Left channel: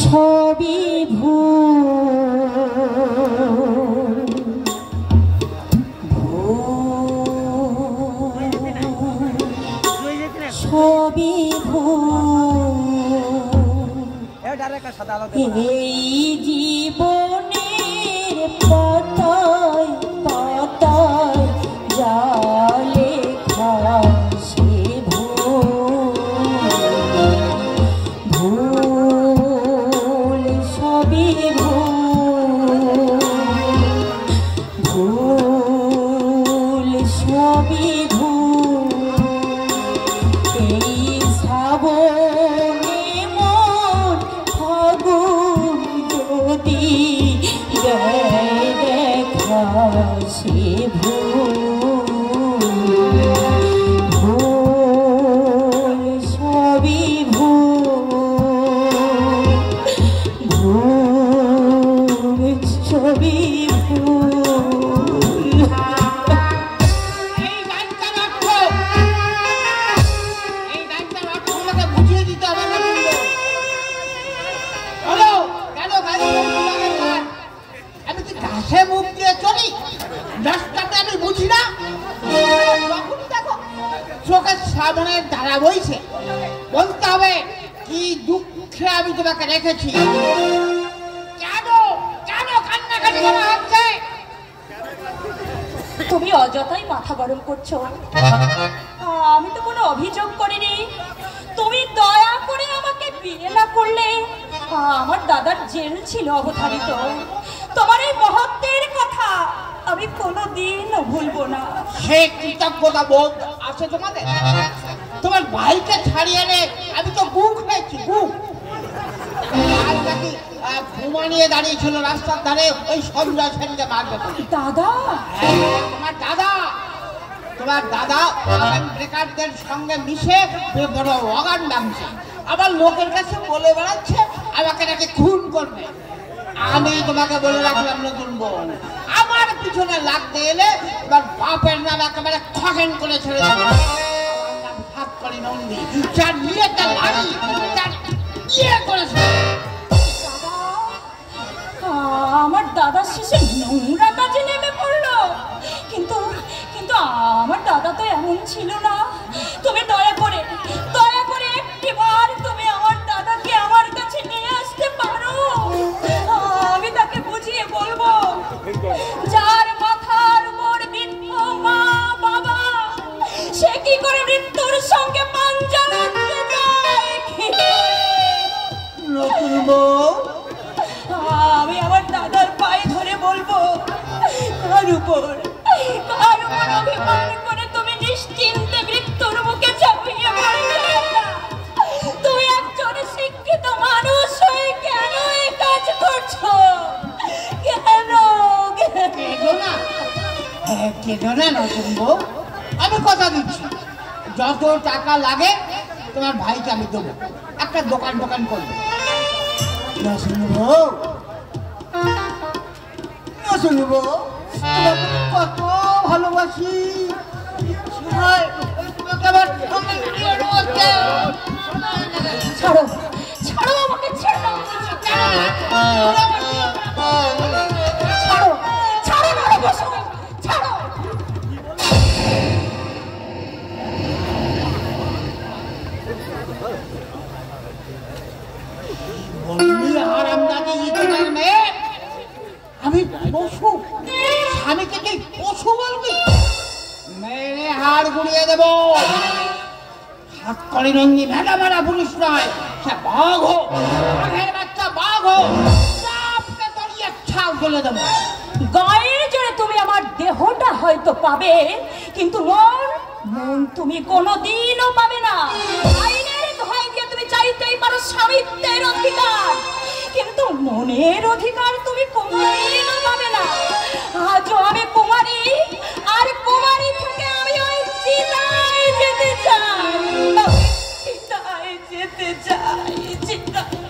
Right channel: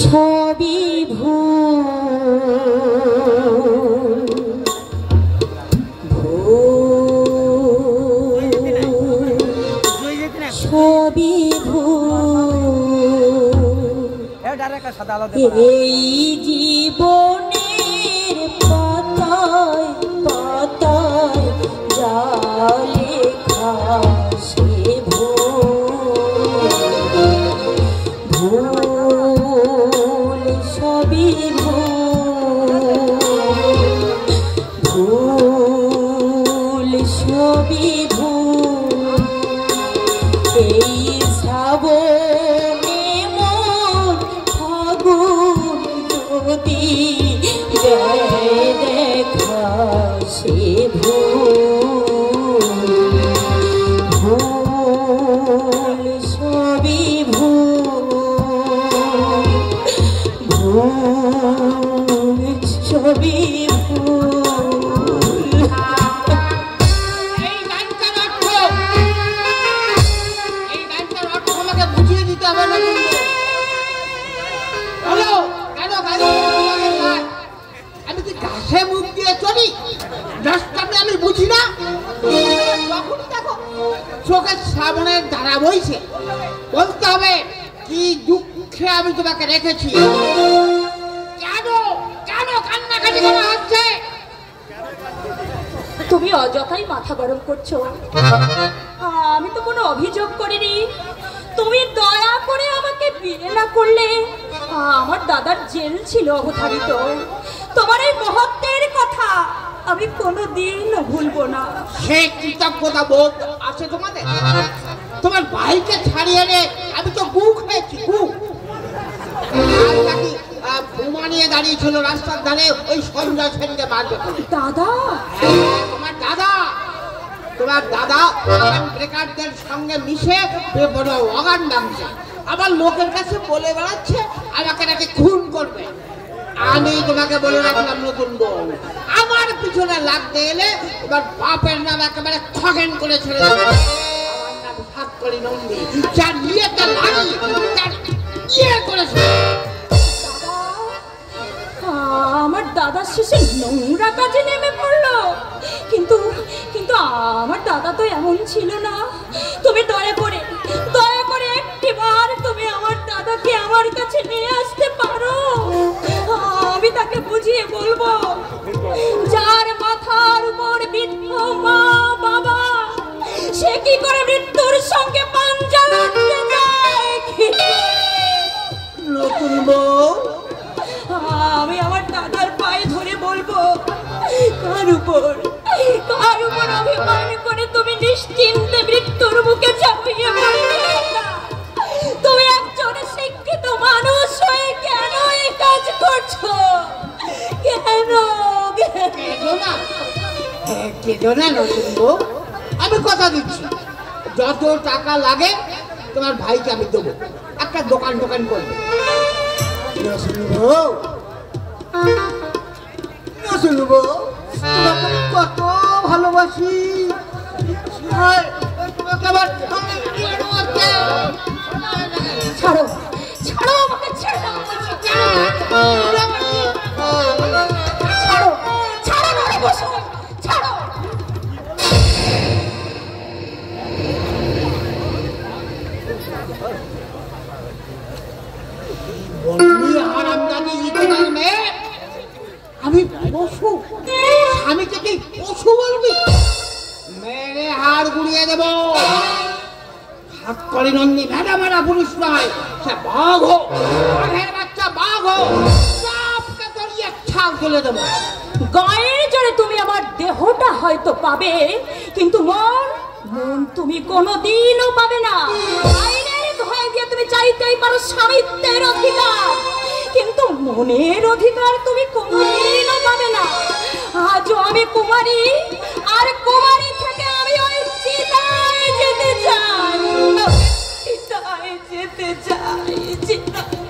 সবই ভুল সবই ভুল এই জীবনের পাতায় পাতায় যা লেখা সে ভুল সবই ভুল সবই ভুল এই শ্রাবণে মন ফাগুন যদি দেখা সে ভুল সবই ভুল সবই ভুল। এই গানটার অর্থ আমাকে বুঝিয়ে দিতে হবে না কিন্তু। হ্যালো, কেন গাড়ি আমি কি ঘাসে মুখ দিয়ে চলি? রাস্তাতে আমি বুঝি না? চোখের সামনের ধারা বইছে, বলতে হবে কি দুঃখে আমি তোমাকে রেখেছি। কেন কেন কান্নাকাটি কেন হচ্ছে? তুমি অযথাই মাথা গরম করছো। আমি তো কোনো অভিযোগ করিনি। তুমি দয়া করে আমাকে বিয়ে না করলে আমার দাদার জেল ছিল অবধারিত। তোমার এই মহত্বের কথা আমি কোনোদিনও ভুলবো না। সে কৃতজ্ঞতা বোধ আছে তোমাদের? তোমার ভাইকে ছাড়িয়ে এনে আমি তো বুক হয়েছি, বুক। ঘুমা নিয়ে দাঁড়িয়েছিল রাস্তার ধারে ওই সঞ্জয় সেনকে মারবে। দাদা? তোমার দাদা, তোমার দাদা ব্রেকারদের সঙ্গে মিশে বড় অগান নামছে, আবার লোকের কাছে বলে বেড়াচ্ছে আমাকে নাকি খুন করবে। আমি তোমাকে বলে রাখলাম নতুন বউ, আমার পিছনে লাগতে এলে তোমার বাপের নাম একেবারে খগেন করে ছেড়ে দেবে। সাতকড়ি নন্দী, যার বিয়েটা লাগি তার বিয়ে করেছে। আমার দাদার শেষে নোংরা কাজে নেমে পড়লো। কিন্তু কিন্তু আমার দাদা তো এমন ছিল না। তুমি দয়া করে একটিবার তুমি আমার দাদাকে আমার কাছে নিয়ে আসতে পারো? আমি তাকে বুঝিয়ে বলবো, যার মাথার উপর বৃদ্ধ মা বাবা, সে কি করে মৃত্যুর সঙ্গে পাঞ্জা লড়তে যায়? নতুন বউ, আমি আমার দাদার পায়ে ধরে বলবো, কার উপর অভিমান করে তুমি নিশ্চিন্তে মৃত্যুর মুখে ঝাঁপিয়ে পড়লে? তুমি একজন শিক্ষিত মানুষ হয়ে কেন এই কাজ করছো? কেঁদো না নতুন বউ, আমি কথা দিচ্ছি যত টাকা লাগে তোমার ভাইকে আমি দেবো। একটা দোকান করবো। শুনবো তোমাকে কত ভালোবাসি। ছাড়ো ছাড়ো আমাকে, ছাড়ো ছাড়ো। আমি পশু, স্বামীকে তুই পশু বলবি? মেরে হাড় গুড়িয়ে দেবো। সাতকড়ি নন্দী ভেড়া পুরুষ নয়, সে বাঘ হোক, বাঘের বাচ্চা বাঘ হোক, চাপকে তড়িয়ে ছাল ফেলে দেবো। গায়ের জোরে তুমি আমার দেহটা হয়তো পাবে, কিন্তু মন তুমি কোনোদিনও পাবে না। আইনের ভয় দিয়ে তুমি চাইতেই পারো স্বামিত্বের অধিকার, কিন্তু মনের অধিকার তুমি কোনোদিনও পাবে না। আজও আমি কুমারী, আর কুমারী থেকে আমি ওই চিতায় যেতে চাই, চিতায় যেতে চাই, চিতায়।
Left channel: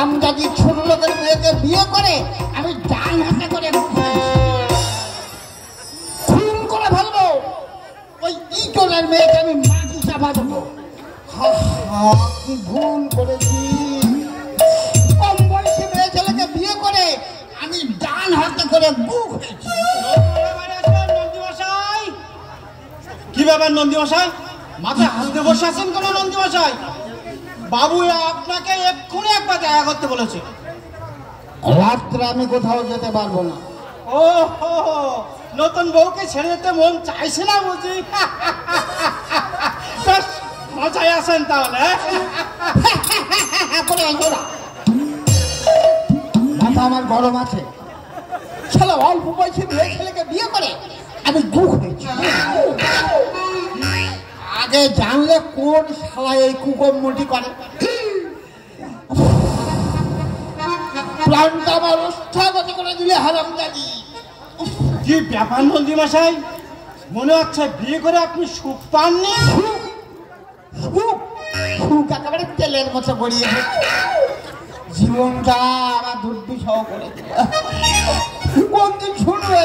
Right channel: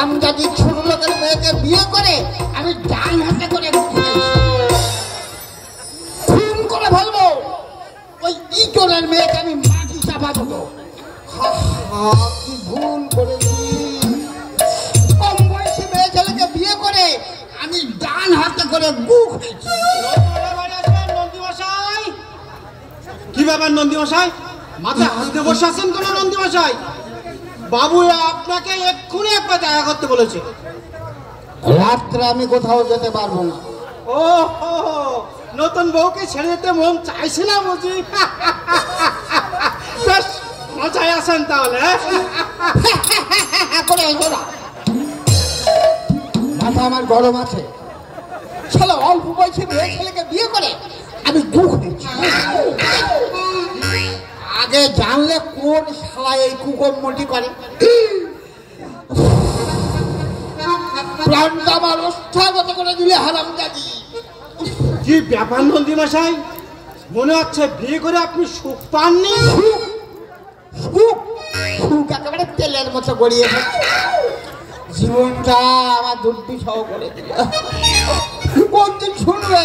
হারামজাদি ছোট লোকের মেয়েকে বিয়ে করে আমি ডান হাতে করে খুন করে ফেলবো। ওই ইটনের মেয়েকে আমি মাটি চাপা দেবো। কি ভুল করেছি, কম বয়সী মেয়ে ছেলেকে বিয়ে করে আমি ডান হাতে করে বুক হয়েছি। কি ব্যাপার নন্দীমশাই, মাথায় হাত দিয়ে বসে আছেন কেন নন্দীমশাই? বাবু আপনাকে এক্ষুনি একবার দেখা করতে বলেছে। রাত্রে আমি কোথাও যেতে পারবো না। ও নতুন বউকে ছেড়ে যেতে মন চাইছে না বুঝি? বেশ মজায় আছেন তাহলে। মাথা আমার গরম আছে। ছেলে অল্প বয়সে মেয়ে ছেলেকে বিয়ে করে আমি দুঃখ হয়েছি। আগে জানলে কোন শালা এই কুকর্মটি করে। প্রাণটা আমার অস্থাগত করে দিলে হারামজাদি। কি ব্যাপার নন্দীমশাই, মনে হচ্ছে বিয়ে করে আপনি সুখ পাননি? সুখ একেবারে তেলের মতো গড়িয়েছে। জীবনটা আমার দুর্বিষহ করে দিল। কোনদিন শুনবে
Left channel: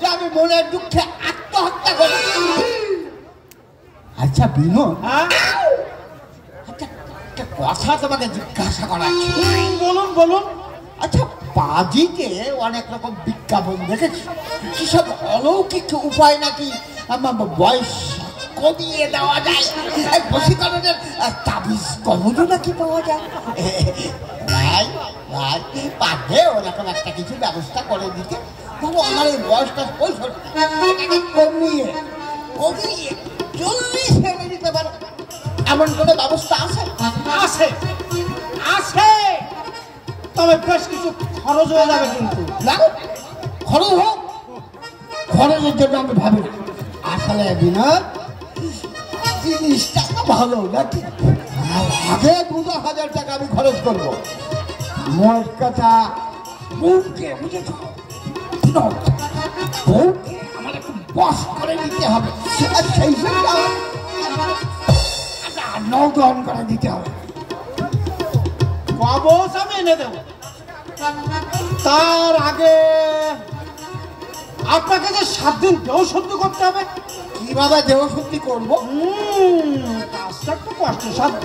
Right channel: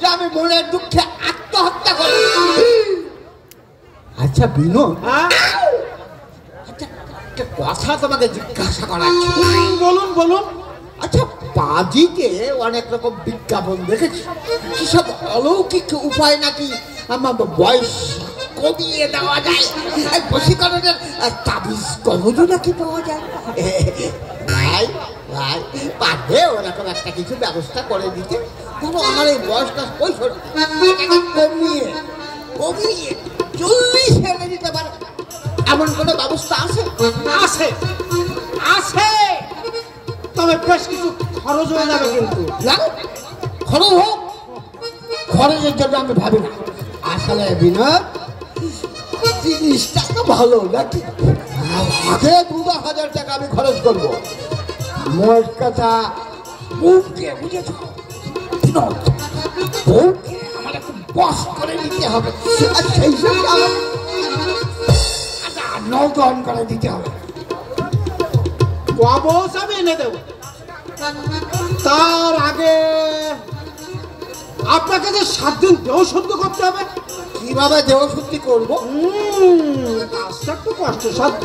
যে আমি মনের দুঃখে আত্মহত্যা করি? আচ্ছা বিনোদ, আচ্ছা একটা কথা তোমাকে জিজ্ঞাসা করাচ্ছি। বলুন বলুন। আচ্ছা বাজিতে অনেক রকম বিজ্ঞাপন দেখেছি, কি সব অলৌকিক উপায় নাকি আমার বয়স কমিয়ে দেওয়া যায়, বশীকরণের তাবিজ কবজও নাকি পাওয়া যায়। ভাই ভাই পারবে ওরকম একটা কিছু ব্যবস্থা করে দিতে? আমার এই বয়সটা 65, কমিয়ে 40 এনে দিতে পারে এমন কোনো ব্যবস্থা আছে? আছে আছে, তবে বেশ কিছু খরচ হয়ে যাবে। কিন্তু খরচ হোক, খরচের জন্য আমি ভাবি না। আসলে বিনোদ জিনিসটা তো ভালো নাকি? আগে 2,000 টাকা আমি খরচ করবো। মোট কথা বউকে বুঝেছ, বউকে আমার একটু বস করে দিতে হবে, আর সেই জন্য নৌকন করে দিতে হবে। কবচ আমি এনে দেব, তার আগে আপনাকে যে 7 দিন দেহ শুদ্ধ করতে হবে। কিভাবে দেহ শুদ্ধি করবো? কাজটা একটু কষ্টসাধ্য।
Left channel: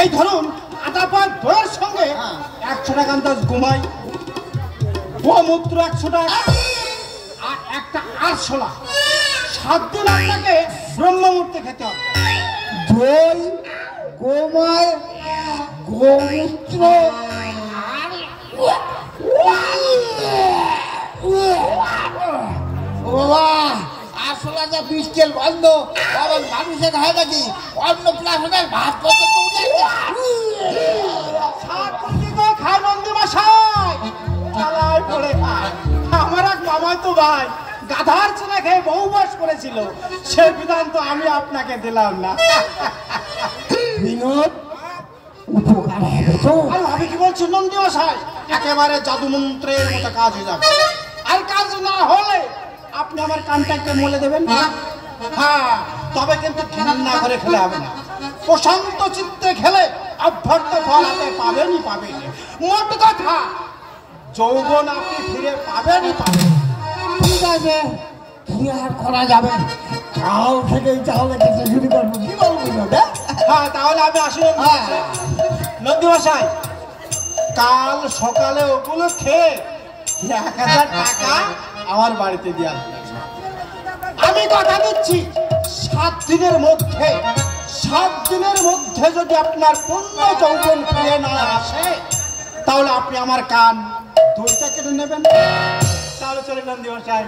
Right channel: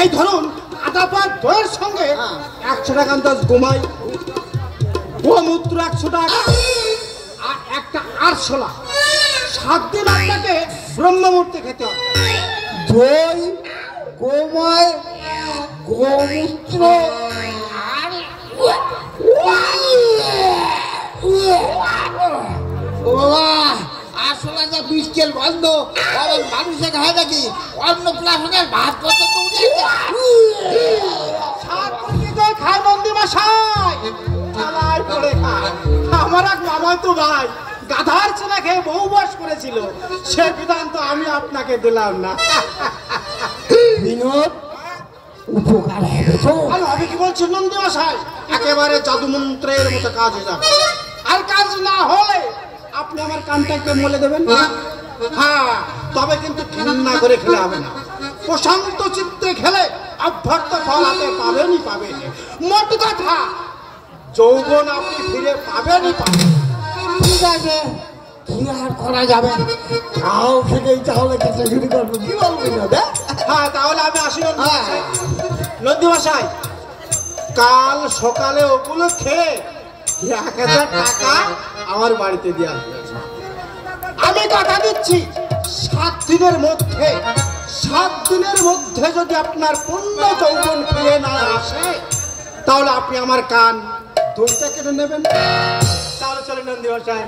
এই ধরুন আদা পাত দইয়ের সঙ্গে 100 টাকা আন্দাজ গোমাই, গোমূত্র 100 টাকা, আর একটা আরশোলা। 7 দিন আপনাকে ব্রহ্মমূর্তে খেতে হবে। দই, গোময়, গোমূত্র বাবা আসলে যে বৃষ্টির গন্ধ মানুষের হয় নাকি? অন্য প্লাসনের ভাত করতে খায় নন্দীমশাই, আমার এক মামাতো ভাই গাধার ছেলে খেয়ে বহু বাস করেছিল, সে বিধান তো আমি আপনাকে দিলাম না। বিনোদ উপকার হবে তো? আমি কি বলছি নন্দীমশাই, একেবারে জাদু মন্ত্রের মতো কাজ হয়ে যাবে। আর কাজ না হলে আপনি আমার কানটাকে মলে দেবেন। হ্যাঁ, তবে কিন্তু ঘৃণা করে খেলে হবে না, প্রশান্ত চিত্তে খেলে অভ্যর্থ ফল হাতে পাবেনই পাবেন। মোট কথা যৌবন আপনি ফিরে পাবেনই পাবেন। ঠিক আছে, কি আর করা যাবে? কাল থেকেই তাহলে খেতে শুরু করবো। কি বলবি? হ্যাঁ, তাহলে আমি আসি নন্দীমশাই। কাল সকালে ওগুলো খেয়ে 1000 টাকা আমার বাড়িতে দিয়ে আসবে। আমি কথা দিচ্ছি 7 দিনের মধ্যে, 7 দিনের মধ্যে যদি আপনার পূর্ণ যৌবন ফিরে না আসে, তাহলে আপনি আমার কান 2টা কেটে নেবেন। তাহলে চলে নন্দীমশাই,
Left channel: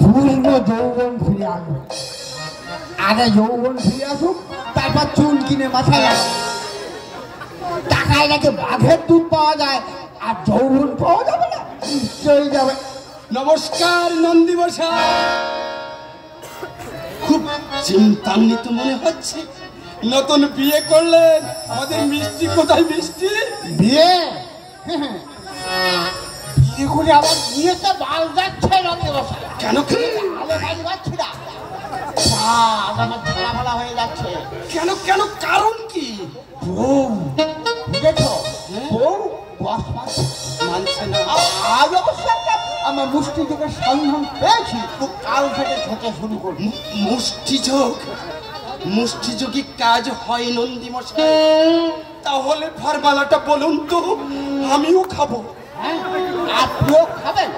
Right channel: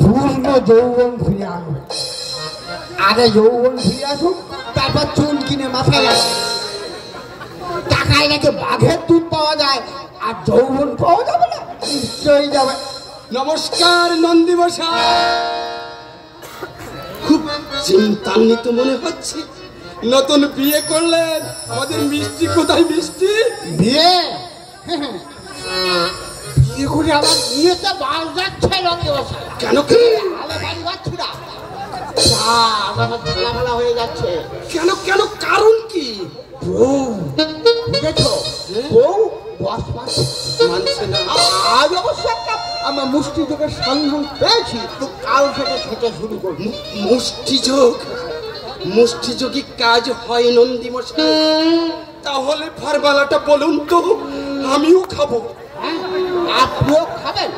পূর্ণ যৌবন ফিরে আসবে। আগে যৌবন ফিরে আসুক, তারপর চুল কিনে মাথায় লাগে। টাকায় নাকি বাঘের দুধ পাওয়া যায়, আর যৌবন পাওয়া যাবে না? নিশ্চয়ই যাবে। নমস্কার নন্দীমশাই। খুব চিন্তান্বিত মনে হচ্ছে। নতুন বিয়ে করলেন, আমাদের মিষ্টি কোথায়? মিষ্টি বিয়ে বিয়ে করে আমার বিয়েতে বাল যাচ্ছে। কেন? যাচ্ছি না, আমার ঝামেলা হয়ে যাচ্ছে। কেন কেন কারণ কি? বউ বুঝেছো, বউ বস মানছে না। আজ অবশ্য একটা আমার মুষ্টিযোগের সন্ধান পেয়েছি, তো কাল থেকে খেতে শুরু করবো। মুষ্টিযোগী কাজ হয় নন্দী মশাই? তাহলে ফরমালাটা বলুন তো, আমিও খাবো। হ্যাঁ, আপনিও খাবেন?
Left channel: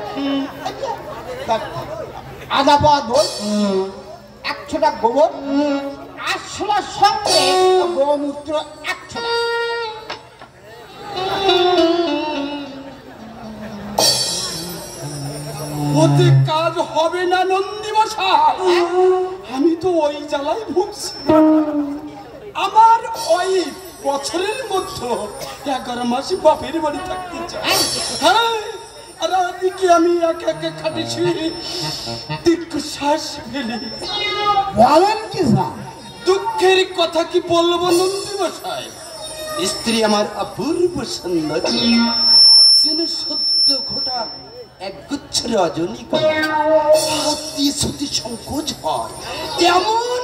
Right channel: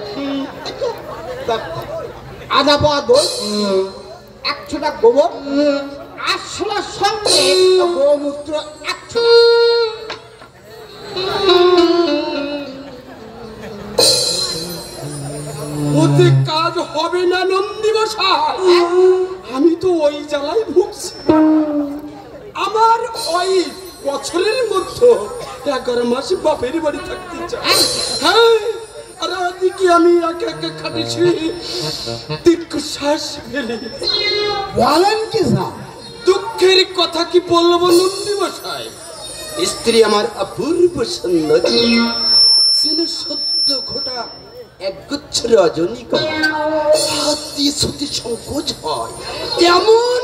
আধা পাওয়া দই, 100টা গোবর, 800টার সঙ্গে গোমূত্র 100টা। ওতে কাজ হবে না নন্দী মশাই, আমি তো ওই জ্বালাই ভুগছি। আমার ওই বছরের মধ্যে 11 মাস বাপের বাড়ি থাকতে চাই। হ্যাঁ, আর ওদিকে আমি একে একে খাটেছি, দীর্ঘশ্বাস ফেলে। বলেন কি স্যার? দুঃখের কথা কি বলবো নন্দী মশাই, স্ত্রী আমার অপূর্ব সুন্দরী, সত্য ঘটা একগুচ্ছ রজনীগন্ধা, হাতি সুতি সংকোচ হয়, তেমন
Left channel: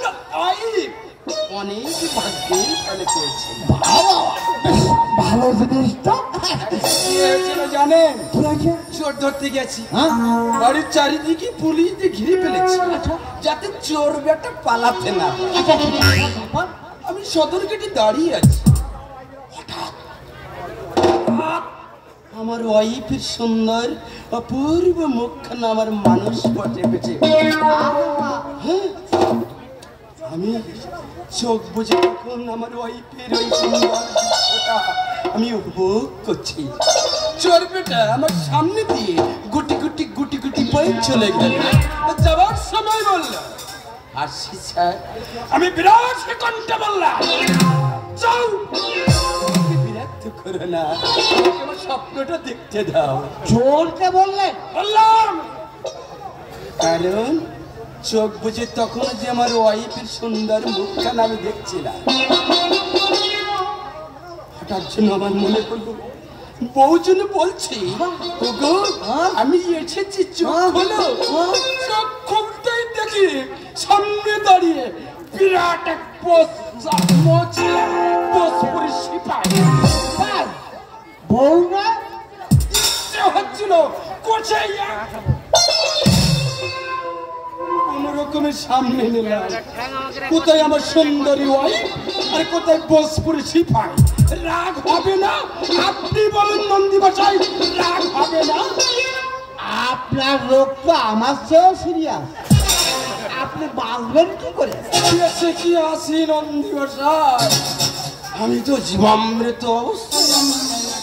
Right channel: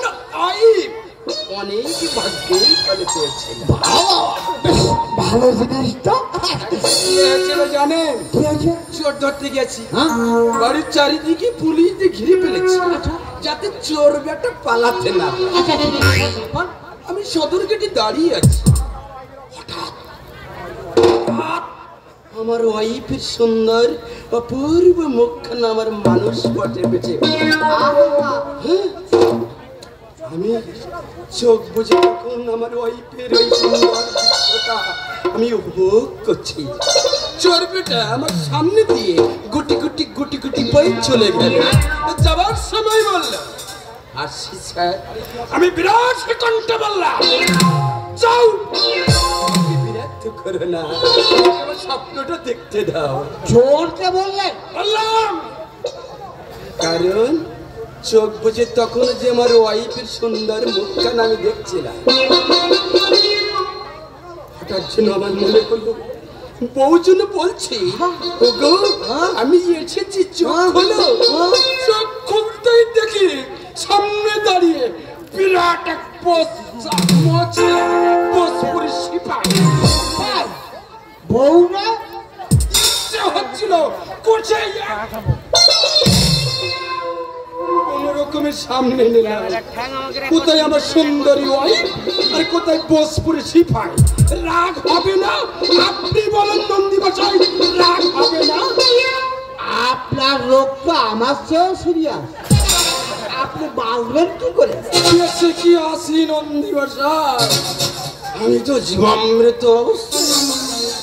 অনেক ভাগ্যের ফলে পেয়েছে। ভালো জিনিস তো। জানেন কি আছে? চোর ধরতে গেছি, বাড়ির চারিদিকে পুলিশ দিয়ে ঘিরে ফেলেছি, যাতে চোর বেটা পালাতে না। আমি সদর গেটে দাঁড়িয়ে আছি, হঠাৎ আমার ওয়াইফের সুন্দর অপূর্ব মুখখানা আমার মানুষ পটে বেঁচে। আমি চোখ বুঝে তখন আমার ওয়াইফের ওই সুন্দর দৃশ্যটা আমি উপভোগ করছি। চোর বেটা আমার সামনে দিয়ে গুটি গুটি গুটি গুটি বই চলে গেল। যাবার সময় বলল, আসি স্যার। আমি বিরাট কণ্ঠে বললাম, যাও, বিরক্ত করো না, স্বপ্নটা দেখতে দাও। চোরকে বললেন? বললাম, কারণ চোখ বুঝে তখন যে আমার ওয়াইফের সুন্দর মুখখানা আমি দেখছিলাম, হঠাৎ যেন আমার মনে করলো বউ যেন বলছি, ওগো আমি এসেছি, চোখ হলো। চোখ খুলতেই দেখি সামনে দাঁড়িয়ে বিরাট এক বউ না হচ্ছিল কোন রকমের সামনে নিলাম। কোথায় আমার সুন্দরী ওয়াইফ আর কোথায় বোসপুরি সিপাই। রাগ হবে না? আপনি বলেন নন্দী মশাই, রাগ হবে না? আপনার লোক তো আমার চেয়েও সিরিয়াস, আপনি বাঁচবেন কি করে? বেশি কি আসি নন্দী মশাই, আমি তো জীবামৃত।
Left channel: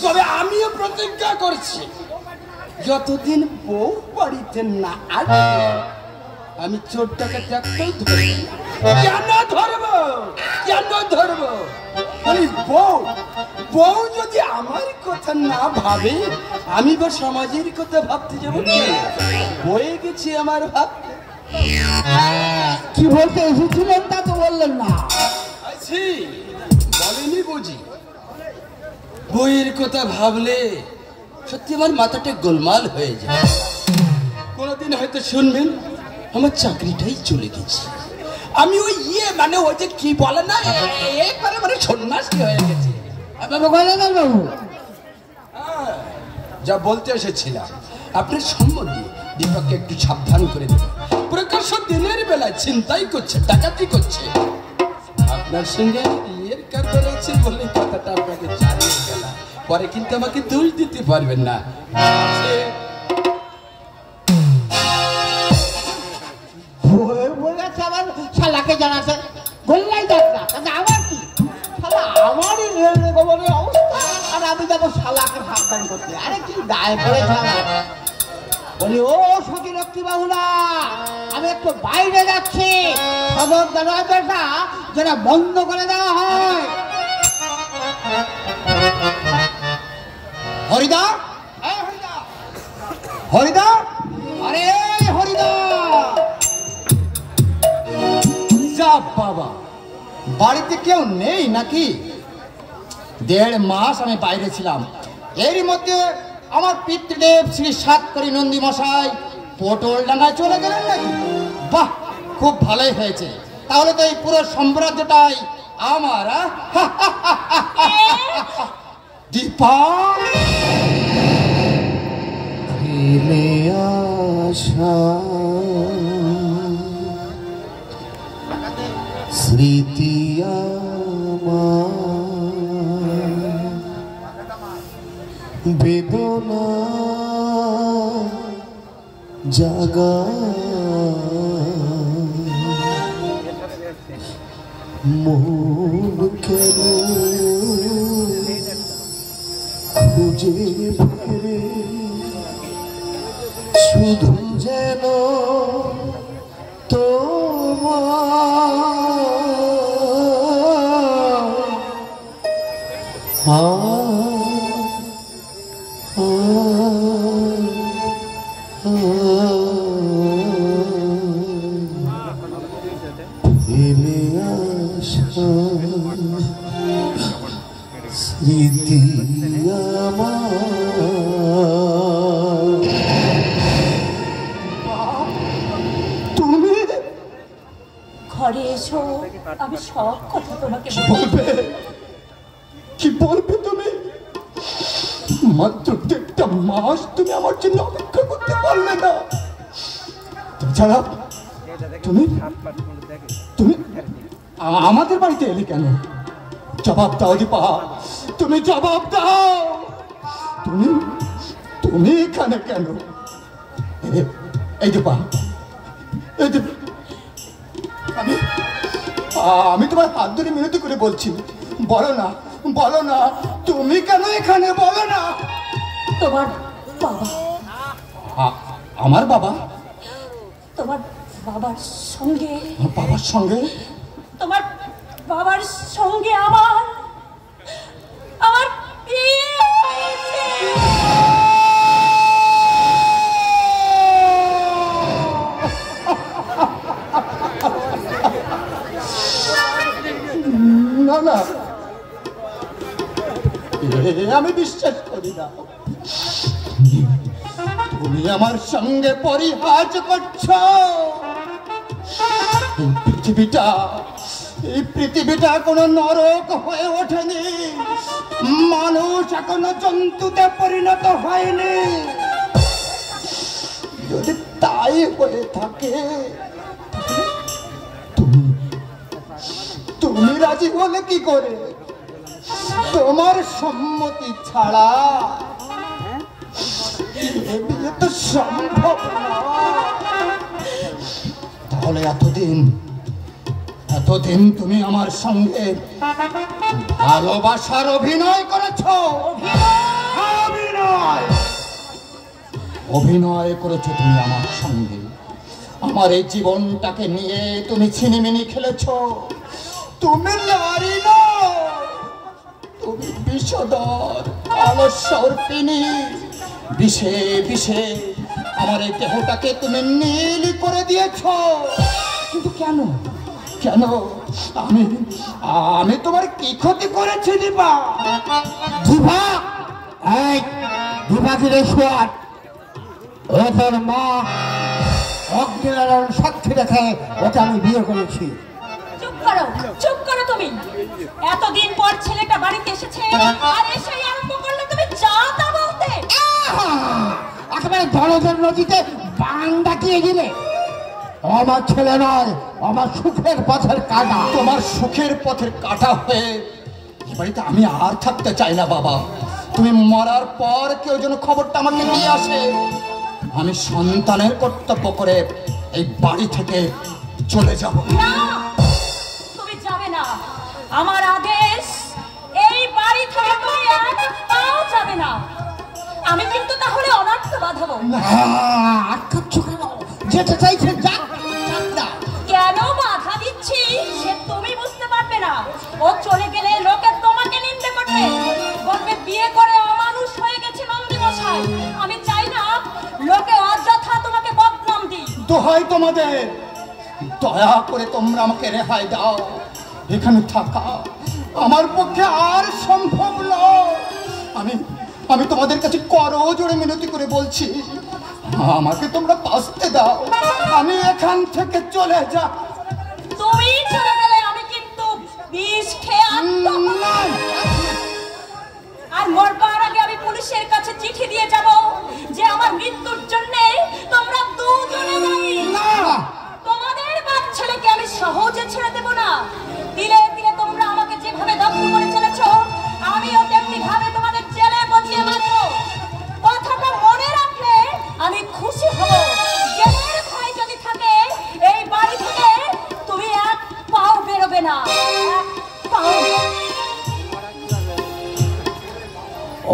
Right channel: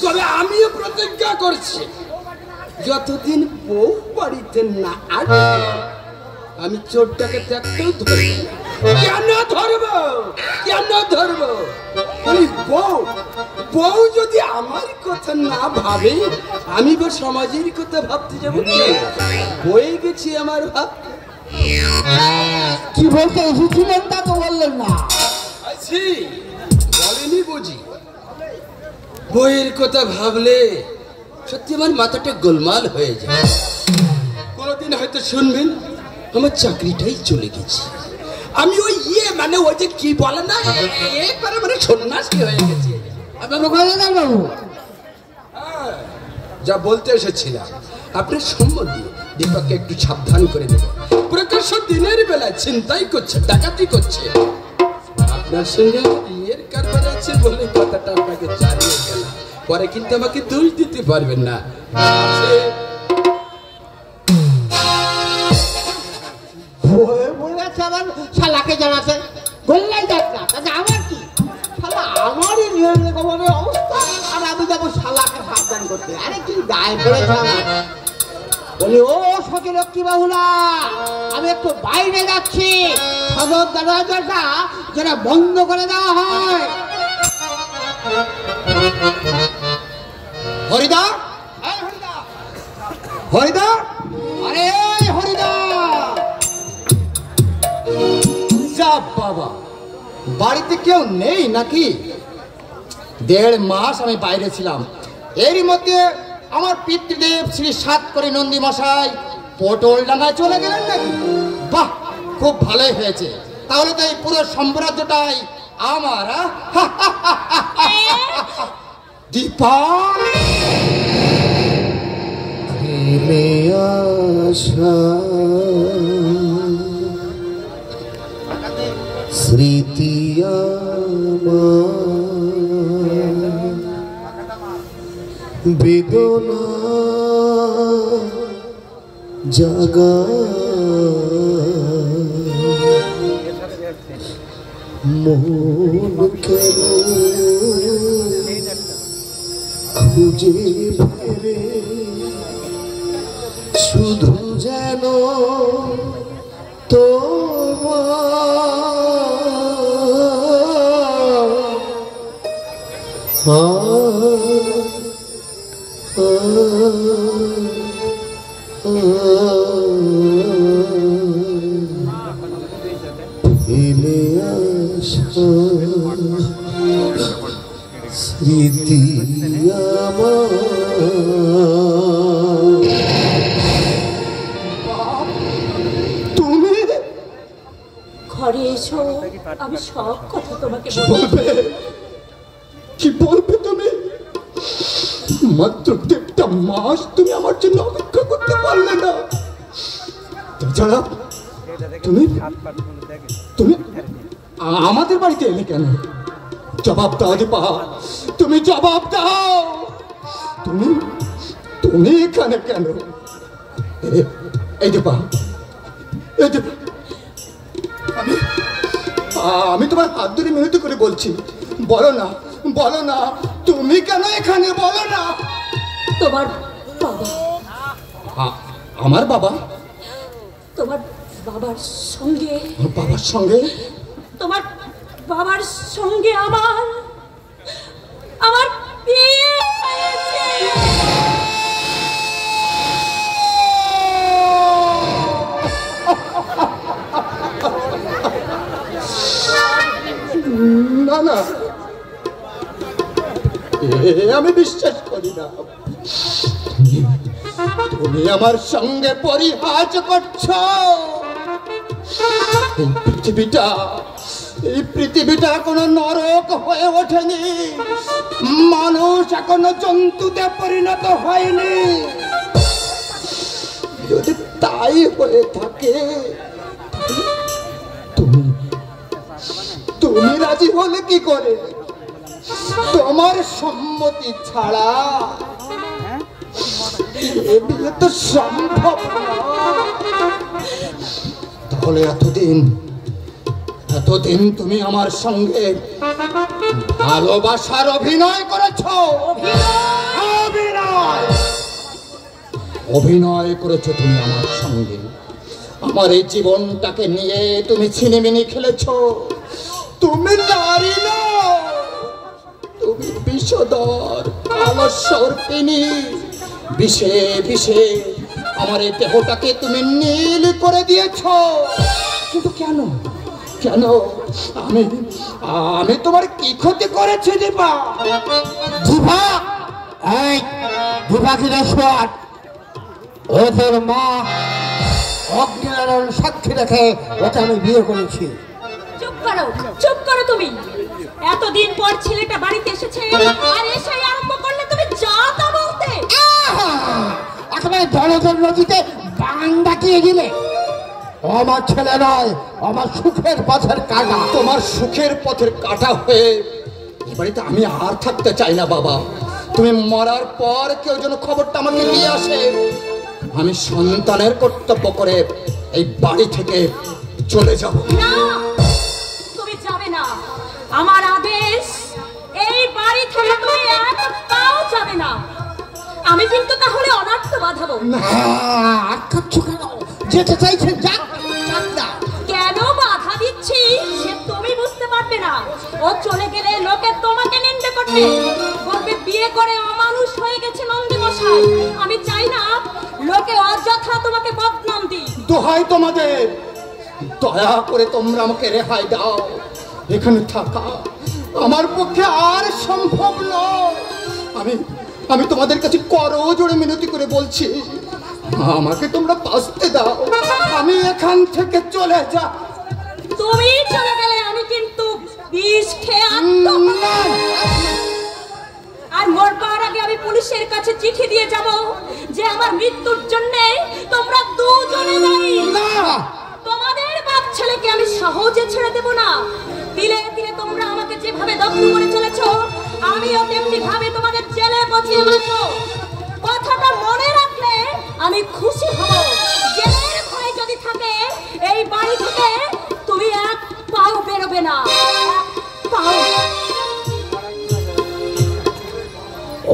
তবে আমিও প্রতিজ্ঞা করছি, যতদিন বউ বাড়িতে না আসবে আমি চোর ডাকাত একটাও ধরবো। কেন ধরবো? কেন ধরবো? বউ যদি আমার কথা না ভাবে, আমি বা সমাজের কথা ভাবতে যাবো? হয়ে গেছি আমার ভাবতে। কি বলতে এসেছিলেন তা তো বললেন না। বলেনি বুঝি? বইয়ের কথা ভাবলে সত্যি আমার মাথাটা গোলমাল হয়ে যায়। কোনদিন হয়তো শুনবেন আমার চাকরিটাই চলে গেছে। আমি ওই মানে ওই যে কি বলে না, একবারে মানে সন্ন্যাসী হয়ে গেছে। বাবু, যা বলতে এসেছিলাম, আপনার সম্বন্ধে দীপককে একটু সাবধান করে দেবেন। প্রকাশ্য দিনের বেলা চিন্তাই করছে, ডাকাতি করছে। আপনার সঙ্গে বিয়ের কারবার আছে বলে কথাটা আপনাকে জানিয়ে গেলাম, পরে কিন্তু আমাকে দোষ দিতে পারবেন না। বলেছে আবার শালাকে জানাচ্ছেন, বললেই দেখ না, তাহলে আমার কি? শালা আমারই নির্গমনের অবস্থা, আর আমি যাবো শালাকে সাবধান করতে। আরে কি গায়ে পড়েছে না? বলি, ও সখী লক্ষ্মী বাবুরা, আমি একটু বাইরে যাচ্ছি, সদর দরজাটা যেন বন্ধ করে দেওয়া হয়। হরিদা, হরিদা, আরে হরিদা! যা বাবা, বাড়িতে কেউ নেই নাকি? 1.5 মাস আমি বাইরে ছিলাম, এরই মধ্যে আমার পিতৃদেব শ্রী সাতকরি নন্দী মশাই পটল ডাঙায় চলে গেলেন নাকি? বাহ, খুব ভালোই হয়েছে। তাহলে তো এই পুরো সাম্রাজ্যটাই আমার। দীপা ফেলে আসা স্মৃতি বেদনা জাগা মন কেন খুঁজে ফেরে শুধু যেন ফেলে আসা স্মৃতি তুমি ঘরে এসো, আমি সব কথা তোমাকে বলবে। কি বলবে তুমি? মাত্র 1.5 মাস তুমি আমার জন্য অপেক্ষা করতে পারলে না। তাছাড়া তুমি তুমি আমাদের বাড়িতে এলে কেন? জবাব দাও দীপা, তুমি জবাব দাও। তুমি তুমি এখানে কেন? এই দীপা, এই দীপা, আমি তোমার হাত ধরে মিনতি করে বলছি, বলো না, বলো না, তুমি কেন এখানে? বলো না। তোমার বাবা, আমার বাবা? তোমার বাবার সঙ্গে, বাবার সঙ্গে? তোমার বাবার সঙ্গে আমার বিয়ে হয়েছে। না না, আমি বিশ্বাস করি না। তুমি আমার সঙ্গে পরিহাস করছো। এই পৃথিবীটা কোনো নরক হয়ে ওঠেনি। মানুষ এখনো জন্তুতে পরিণত হয়নি। যদি তাই হয়ে থাকে, তুমি রাজি হলে কি করে? তোমার সম্মতি ছাড়া এ বিয়ে তো সম্ভব না। তাহলে এতদিন তুমি আমার সঙ্গে ভালোবাসার অভিনয় করেছো। অভিনয় করেছো তুমি আমার সঙ্গে। আমার এই জীবনটাকে নিয়ে তুমি ছিনিমিনি খেলেছো। তুমি নারী না, তুমি বিষধর, আমার সর্পিনী। বিষে বিষে আমার এই দেহটাকে তুমি নীল করে দিয়েছ। কিন্তু কেন? কেন? আমি তোমার কি ক্ষতি করেছি দীপা? দীপা, এই দীপা কিরেশ্বর, ওদের মা অগ্নিনারায়ণ সাক্ষী রেখে ওকে আমি বিয়ে করেছি। চুপ করো তুমি। এতদিন পর ছেলেটা বাড়িতে এসেছে, আর এসে আরম্ভ করলে তুমি যা তা বলতে। একেবারে দলদল নদীতে বান ডাকিয়ে দিলে। আমার ছেলে নয়, আমার সুখের পথের কাটা। তোমার সুখের পথের কাটা হয়ে এই বাড়িতে আমি আর থাকতে চাই না বাবা। তুমি মরার পর কেউ যেন খবরটা আমাকে দিয়ে আসে। আমি সন্তানের কর্তব্য করে এই বাড়ি থেকে চলে যাব। না, তুমি যাবে না। আমার আদেশ, এই বাড়ি থেকে তুমি এক পাও যাবে না। আমি কিন্তু তাহলে অনার্থ বাঁধাবো। যেতে চাইছে যাক। কেন বাধা দিচ্ছি সে তুমি বুঝতে পারবে না। ও চলে গেলে লোকে তোমাকে নিন্দে করবে, বলবে বিয়ে করে অমানুষ হয়ে গেছে নন্দী মশাই। আমি চাই না লোকে অযথা তোমাকে বদনাম দিই। দোহাই তোমাদের, দয়া করে তোমরা আমাকে রেহাই দাও। এখানে থাকা আমার পক্ষে আর সম্ভব নয়। আমি তোমাদের কাছে করজোড়ে মিনতি করে বলছি, আমাকে তোমরা বাঁচতে দাও, আমি এখান থেকে চলে যা। তুমি চলে গেলে আমি কিন্তু বিষ খেয়ে আর মরবার আগে আমি পুলিশের কাছে চিঠি দিয়ে যাব যে আমার মৃত্যুর জন্য তোমরা দুজনে দায়ী। তোমাদের বাপ ছেলেকে আমি সহজে ছেড়ে দেব না। দিলে দিলে তোমরা আমাকে যেভাবে দগ্ধ করে চলেছ, আমিও তেমনি ভাবে তোমাদের জেলে পচিয়ে মারব। কথাটা মনে রাখলে আমি খুশি হব। জেলের ভয় যদি থাকে এই বাড়ি থেকে তুমি এক পাও বেরোবে না।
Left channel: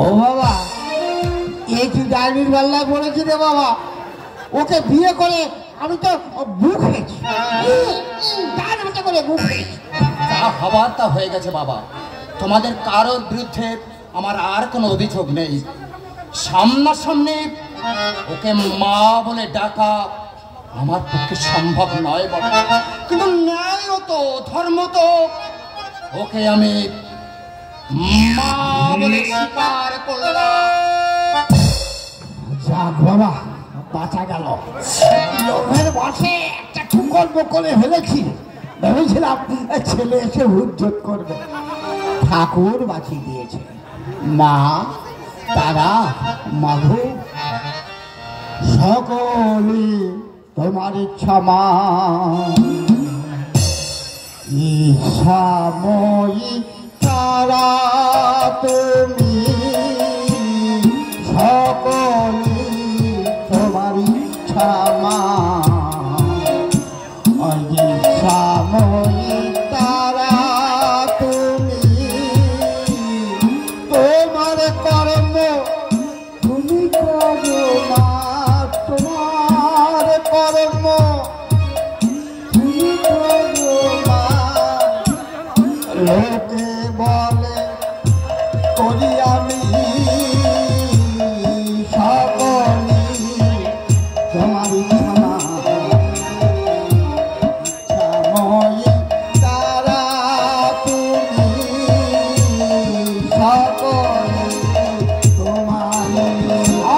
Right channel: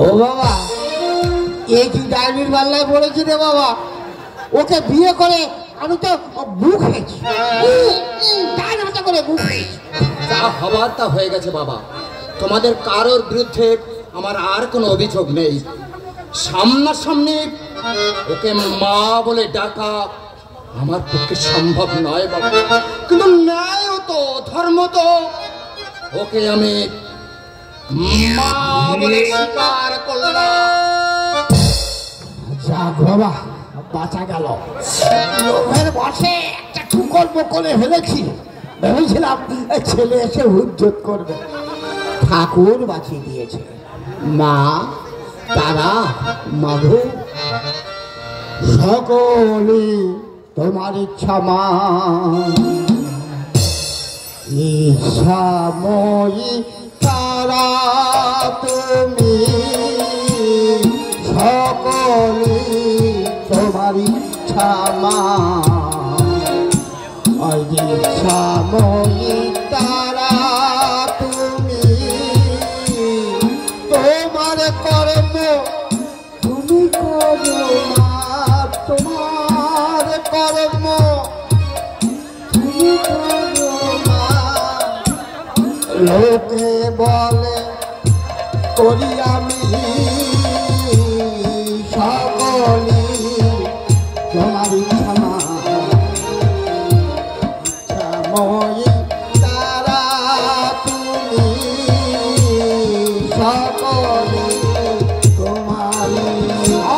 ও বাবা, এই কি ডাইনির পাল্লায় পড়েছি রে বাবা। ওকে বিয়ে করে আমি তো বুক হয়েছি, তার মতো করে বুক হয়েছি। যা হবার তা হয়ে গেছে বাবা। তোমাদের কারোর বিরুদ্ধে আমার আর কোনো অভিযোগ নেই। সামনাসামনি ওকে মা বলে ডাকা আমার পক্ষে সম্ভব নয় বাবা, কিন্তু ন্যায় তো ধর্ম তো ওকে আমি মা বলে স্বীকার করলাম। যাক বাবা, বাঁচা গেল। লোভের বসে একটা ঠুকল বকলে ফেলেছি। ভেবেছিলাম ছেলে এসে হুজ্জত করবে, ঠাকুর বাঁচিয়ে দিয়েছে। মা, তারা, মাঘু, সকলে তোমার ইচ্ছা মা। ইচ্ছাময়ী তারা তুমি, সকলে তোমার ইচ্ছা মা। ইচ্ছাময়ী তারা তুমি, তোমার কর্ম তুমি করো মা। তোমার কর্ম তুমি করো মা। লোকে বলে করি আমি, সকলে তোমার ইচ্ছা মা। ইচ্ছাময়ী তারা তুমি, সকলে তোমার ইচ্ছা।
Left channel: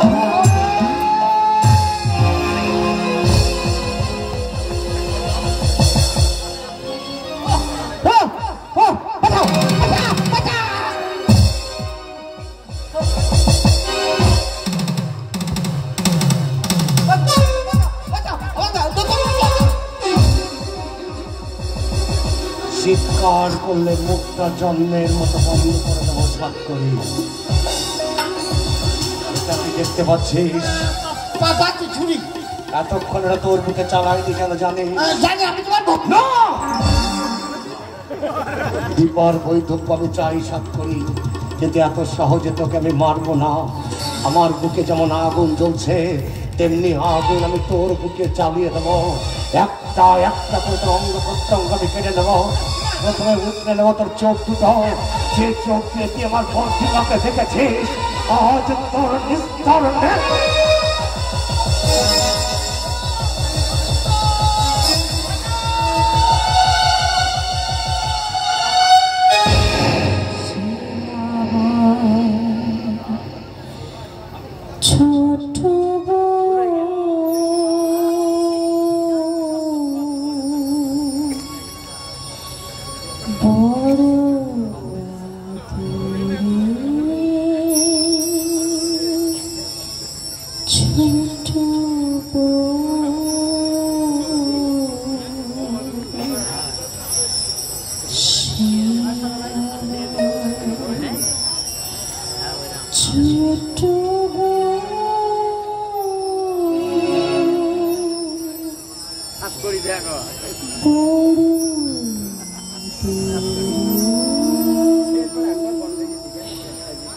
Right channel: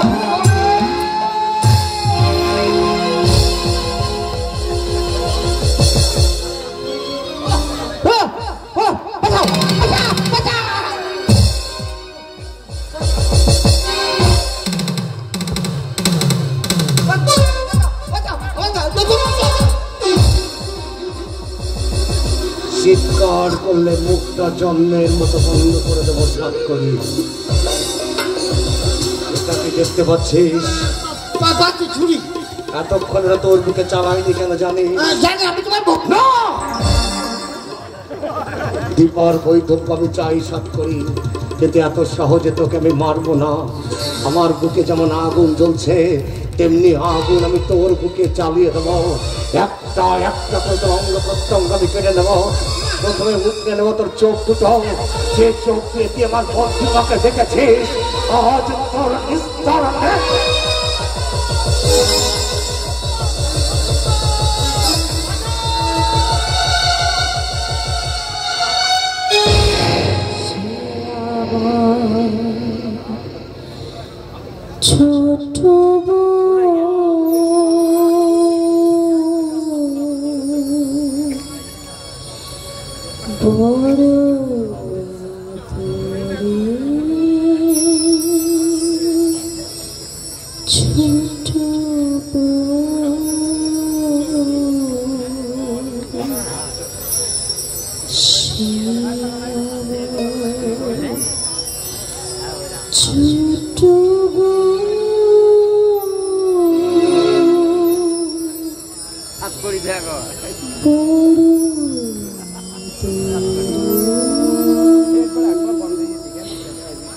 চিৎকার করলে মুখটা জন্মের মতো বন্ধ করে দেবো সাত করি। এটাকে দেখতে পাচ্ছিস? ছুরি এতক্ষণ তোর বুকে চালাইনি কেন জানি? জানি আমি তোমার ভক্ত। দীপার বৈধব্য আমি চাই সাত করি, কিন্তু এত সহজে তোকে আমি মারবো না। আমার বুকে যেমন আগুন জ্বলছে তেমনি আগুন আমি তোর বুকে চালিয়ে দেবো। একটা একটা করে তোর অঙ্গ প্রত্যঙ্গ আমি কেটে নেবো। প্রথমে উঠে নেবো তোর চোখ দুটো, যে চোখ দিয়ে তুই আমার বন্ধুকে দেখেছিস। আজ তোর নিস্তর ছোট বড়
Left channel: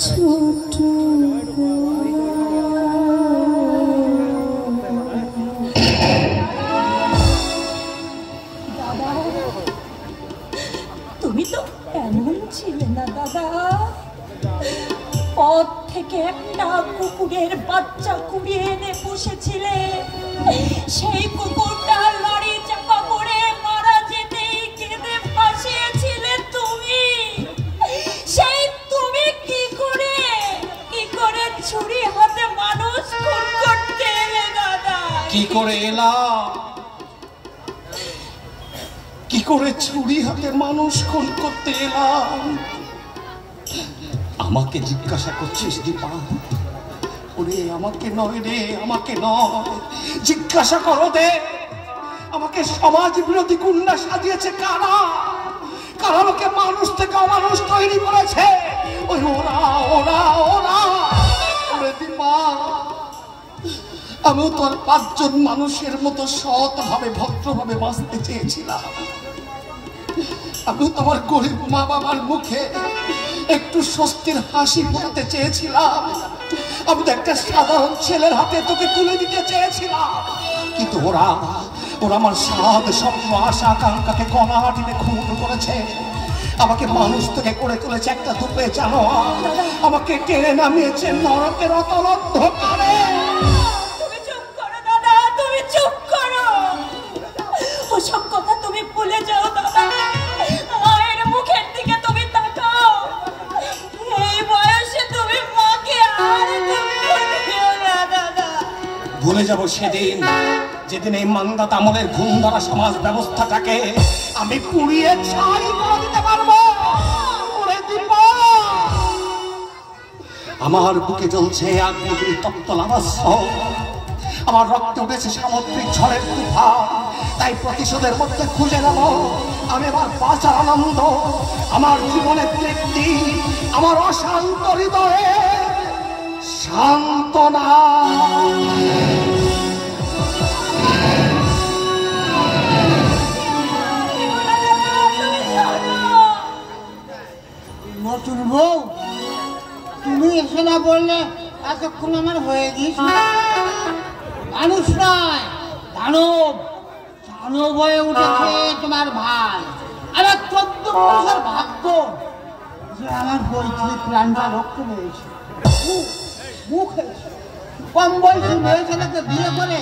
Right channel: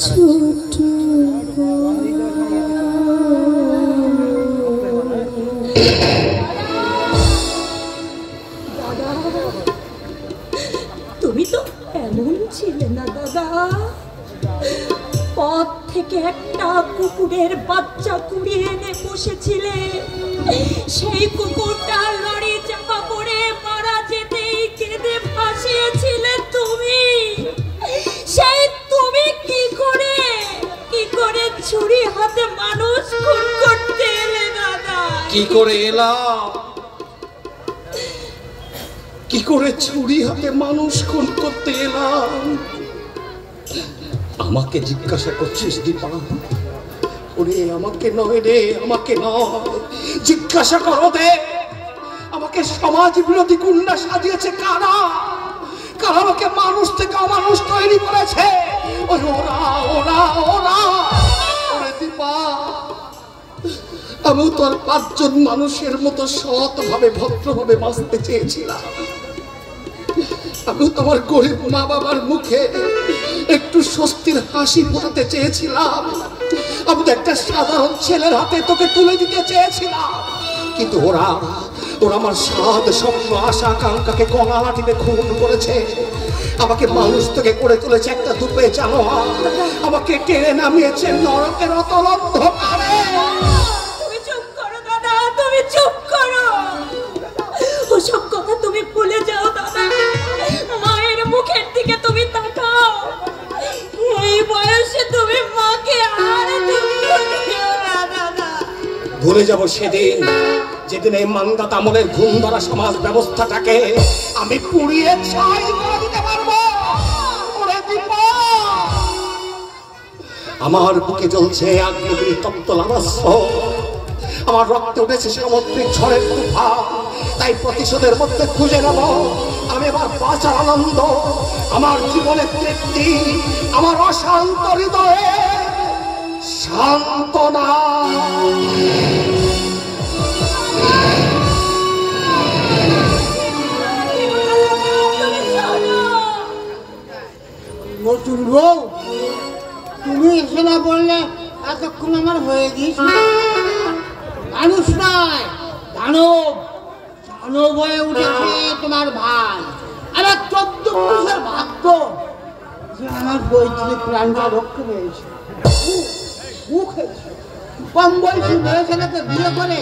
ছোট তুমি তো এমন ছিলে না দাদা। পথ থেকে একটা কুকুরের বাচ্চা কুড়িয়ে এনে বসেছিলে। সেই কুকুরটা লরি চাপা পড়ে মারা যেতেই কেঁদে ভাসিয়েছিলে তুমি। সেই তুমি কি করে ছুরি হাতে মানুষ খুন করতে এলে কি করে এলাম, কি করে ছুরি হাতে মানুষ খুন করতে এলাম? আমাকে জিজ্ঞাসা করছিস দীপা? ওরে আমাকে নয় রে, আমাকে নয়, জিজ্ঞাসা করো দে আমাকে সমাজ বিরোধী গুন্ডা সাজিয়েছে কারা? কারা আমাকে মানুষ থেকে অমানুষ তৈরি করেছে? ওরা ওরা ওরা ওরে দীপা, আমিও তো আর 5 জন মানুষের মতো সৎভাবে ভদ্রভাবে বাঁচতে চেয়েছিলাম। আমিও তোমার গরিব মা বাবার মুখে একটু স্বস্তির হাসি ফোটাতে চেয়েছিলাম। আমি তো একটা সাধারণ ছেলের হাতে তোকে তুলে দিতে চেয়েছিলাম, কিন্তু ওরা আমার সাদ স্বপ্ন আশা আকাঙ্ক্ষাকে গলা হাঁটিতে খুন করেছে। আমাকে মানুষ থেকে করে তুলেছে একটা ধূপে জানোয়ার, আমাকে টেনে নামিয়েছে নরকের অতল অন্ধকারে। তুমি চুপ করো দাদা, তুমি চুপ করো। ওসব কথা তুমি ভুলে যাও দাদা। মায়ের মুখের দিকে তুমি তাকাও। এই বয়সে তুমি মাকে আর তুমি দাদা। ভুলে যাব সেদিন যেদিন এই মান্দাত আমলের ঘুম ধরা সমাজ ব্যবস্থাটাকে আমি পুড়িয়ে ছাই করে দিতে পারবো। আমার বুকে জ্বলছে আগ্নেয়গিরি তপ্ত লাভাস্য, আমার রক্তে উঠেছে সামুদ্রিক ঝড়ের তুফান। তাই প্রতিশোধের মধ্যে খুঁজে নেব আমি আমার বাঁচার আনন্দ, আমার জীবনের তৃপ্তি, আমার অশান্ত হৃদয়ে সান্ত্বনা। নতুন বউ, তুমি এসে না বললে এতক্ষণ আমার হয়ে গিয়েছিল। মানুষ নয়, দানব, দানব হয়ে উঠেছে তোমার ভাই। আরে 14 পুরুষের ভাগ্য যে আমার বইটিতে প্রাণটা রক্ষা পেয়েছে। কম বয়সী মেয়ে ছেলেকে বিয়ে করে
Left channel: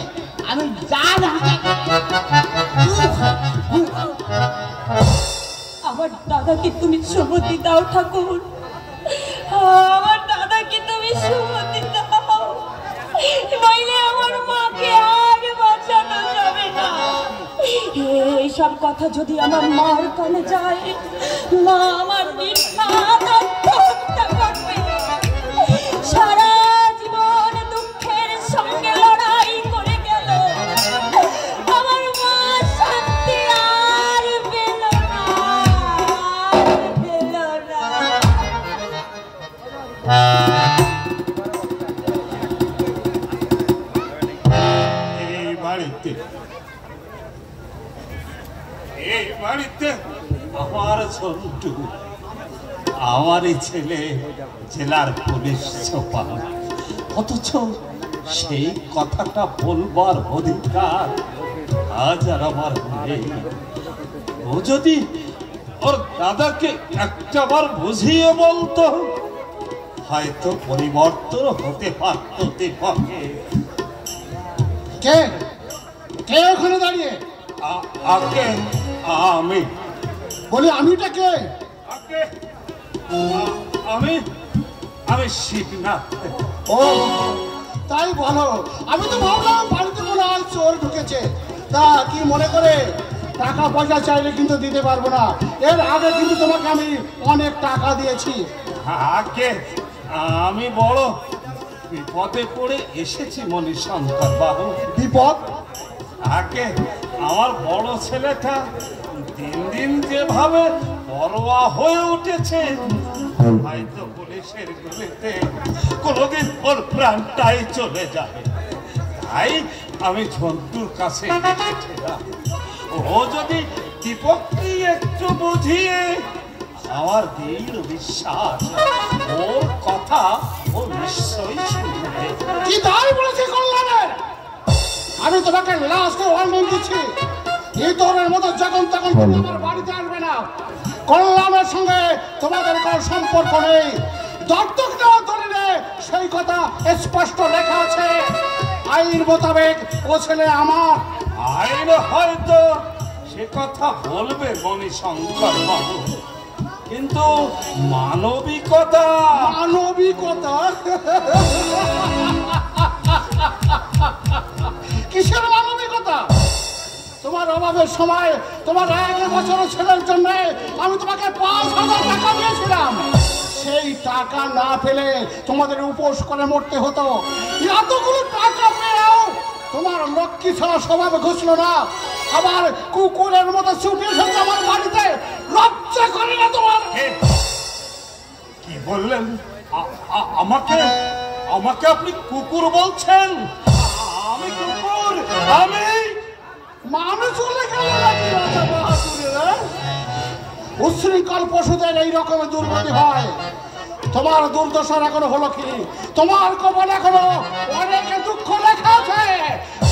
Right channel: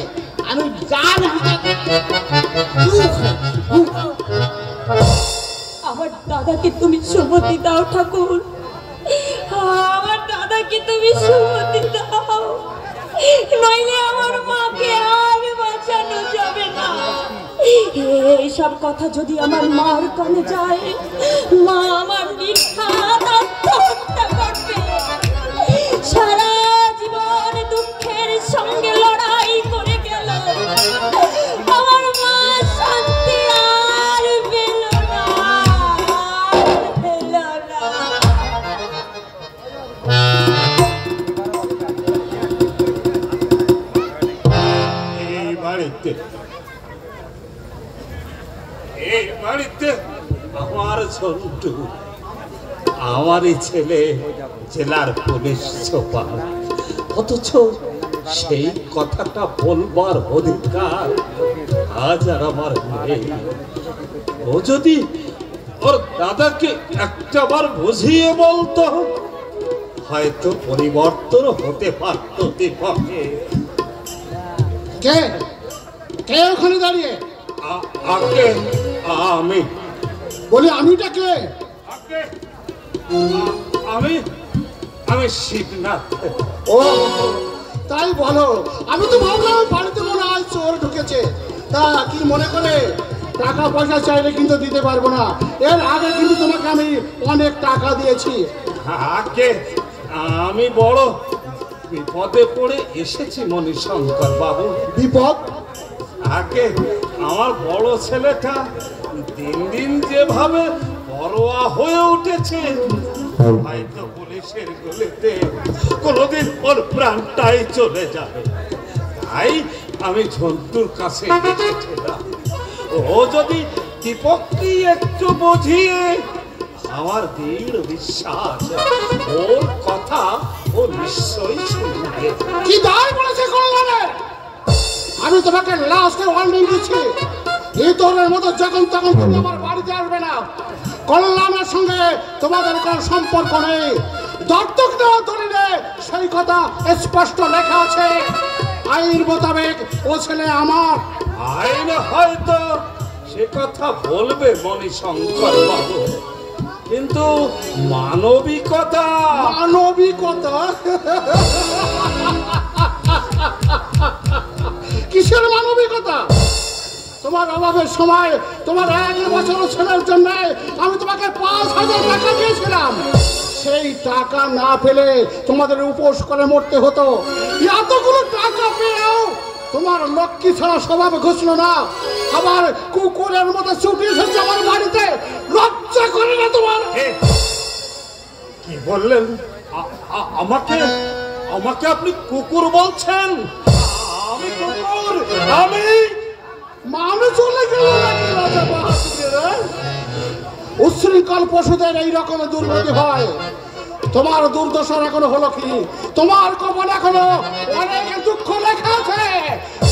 আমি যার হাতে আমার দাদাকে তুমি সুমতি দাও ঠাকুর, আমার দাদাকে তুমি সুমতি দাও, নইলে আমার মাকে আর বাঁচানো যাবে না। এইসব কথা যদি আমার মার কানে যায়, মা আমার নির্ঘাত আত্মহত্যা করবে। সারা জীবন দুঃখের সঙ্গে লড়াই করে গেল, আমার মা শান্তি আর পেল না, পেল না। এই বাড়িতে আমার ছোট্টু, আমারই ছেলে জেলার পুলিশ সুপার, অথচ সেই কথাটা বলবার অধিকার আজ আর আমার নেই। ও যদি ওর দাদাকে একটাবার বুঝিয়ে বলতো, হয়তো পরিবর্তন হতে পারত দীপকে। কে কে ওখানে দাঁড়িয়ে? আমি বলি আমিটা কে? আমি শিবনাথ। ও তাই বলো, আমি তো ভাবলাম বাড়িতে মনে হয় চোর ঢুকেছে। তা কি মনে করে? টাকা পয়সা চাইলে কিন্তু দিতে পারবো না। এর আগে কিন্তু তোমাকে আমি অনেক টাকা দিয়েছি। আগে আমি বড় বিপদে পড়ে এসেছি মণিশঙ্কর বাবু। বিপদ? আগে আমার বড় ছেলেটা দিন দিন যেভাবে বড়োয়া হয়ে উঠেছে, হয়তো পুলিশের গুলিতে কোনোদিন ওর প্রাণটাই চলে যাবে। তাই আমি ঝন্টুর কাছে এসেছিলাম, ও যদি দীপককে একটু বুঝিয়ে, আমার দৃঢ় বিশ্বাস ওর কথা ও নিশ্চয়ই শুনবে। কি দায় বলেছে কল্যাণে? আমি তোমাকে লাস্টে ওয়ার্নিং দিচ্ছি, এই ধরনের মতো যখন তখন তুমি আমার বাড়িতে আসবে না। কল্যাণের সঙ্গে তোমাদের কোনো সম্পর্ক নেই। দত্তক নেওয়া ধরে নে, সেই কথা স্পষ্ট লেখা আছে। আইন মোতাবেক ও ছেলে আমার। আইন হয়তো সে কথা বলবে মণিশঙ্কর বাবু, কিন্তু মানবিকতা মানবিকতা কিসের অভাবের সময় তোমার 1 বছর ছেলের জন্য আমি তোমাকে 5,000 টাকা দিয়েছিলাম। সেই টাকা না পেলে তোমাদের উপোস করে মরতে হতো। এতগুলো টাকা পেয়েও তোমার লক্ষ্মী ছাড়া স্বভাব ঘুষলো না, আবার কুকুরের মতো ছুটে এসেছে আমার বাড়িতে। লজ্জা করে না তোমার? কি বললেন? আমাকে আমাকে আপনি কুকুর বলছেন? আমি কুকুর? আমি মানুষ চলে গেল নাকি রাজা বাহাদুরের? উচ্ছৃঙ্খল পশুদের এই রকমের দুর্গতি হয়। তোমার দুর্দশার এখনো হলো কি? তোমার কপাল এখনো অনেক দুঃখ লেখা আছে।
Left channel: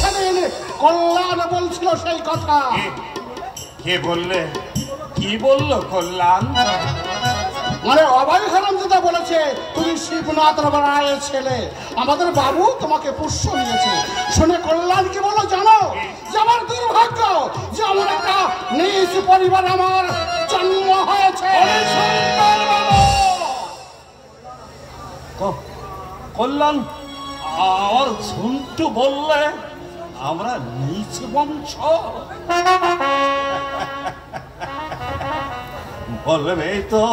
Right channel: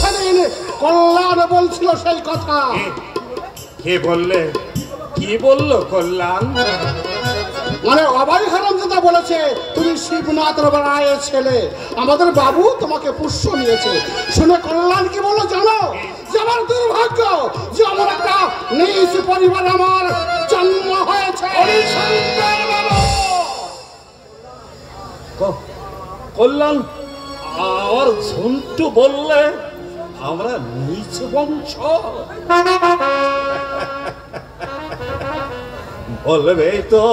সেদিন কল্যাণ বলছিল সেই কথা। কে বললে? কি বললো কল্যাণ? মানে অবাই খারাম যেটা বলেছে, তুমি শিবনাথ রায়ের ছেলে, আমাদের বাবু তোমাকে পুষ্য নিয়েছে। শুনে কল্যাণ কি বলো জানো? যে আমার দুর্ভাগ্য যে আমার একটা নিজ পরিবার আমার জন্ম হয়েছে। কল্যাণ আর ঝুন্টু বললে আমরা নিচ বংশ? বলবেই তো,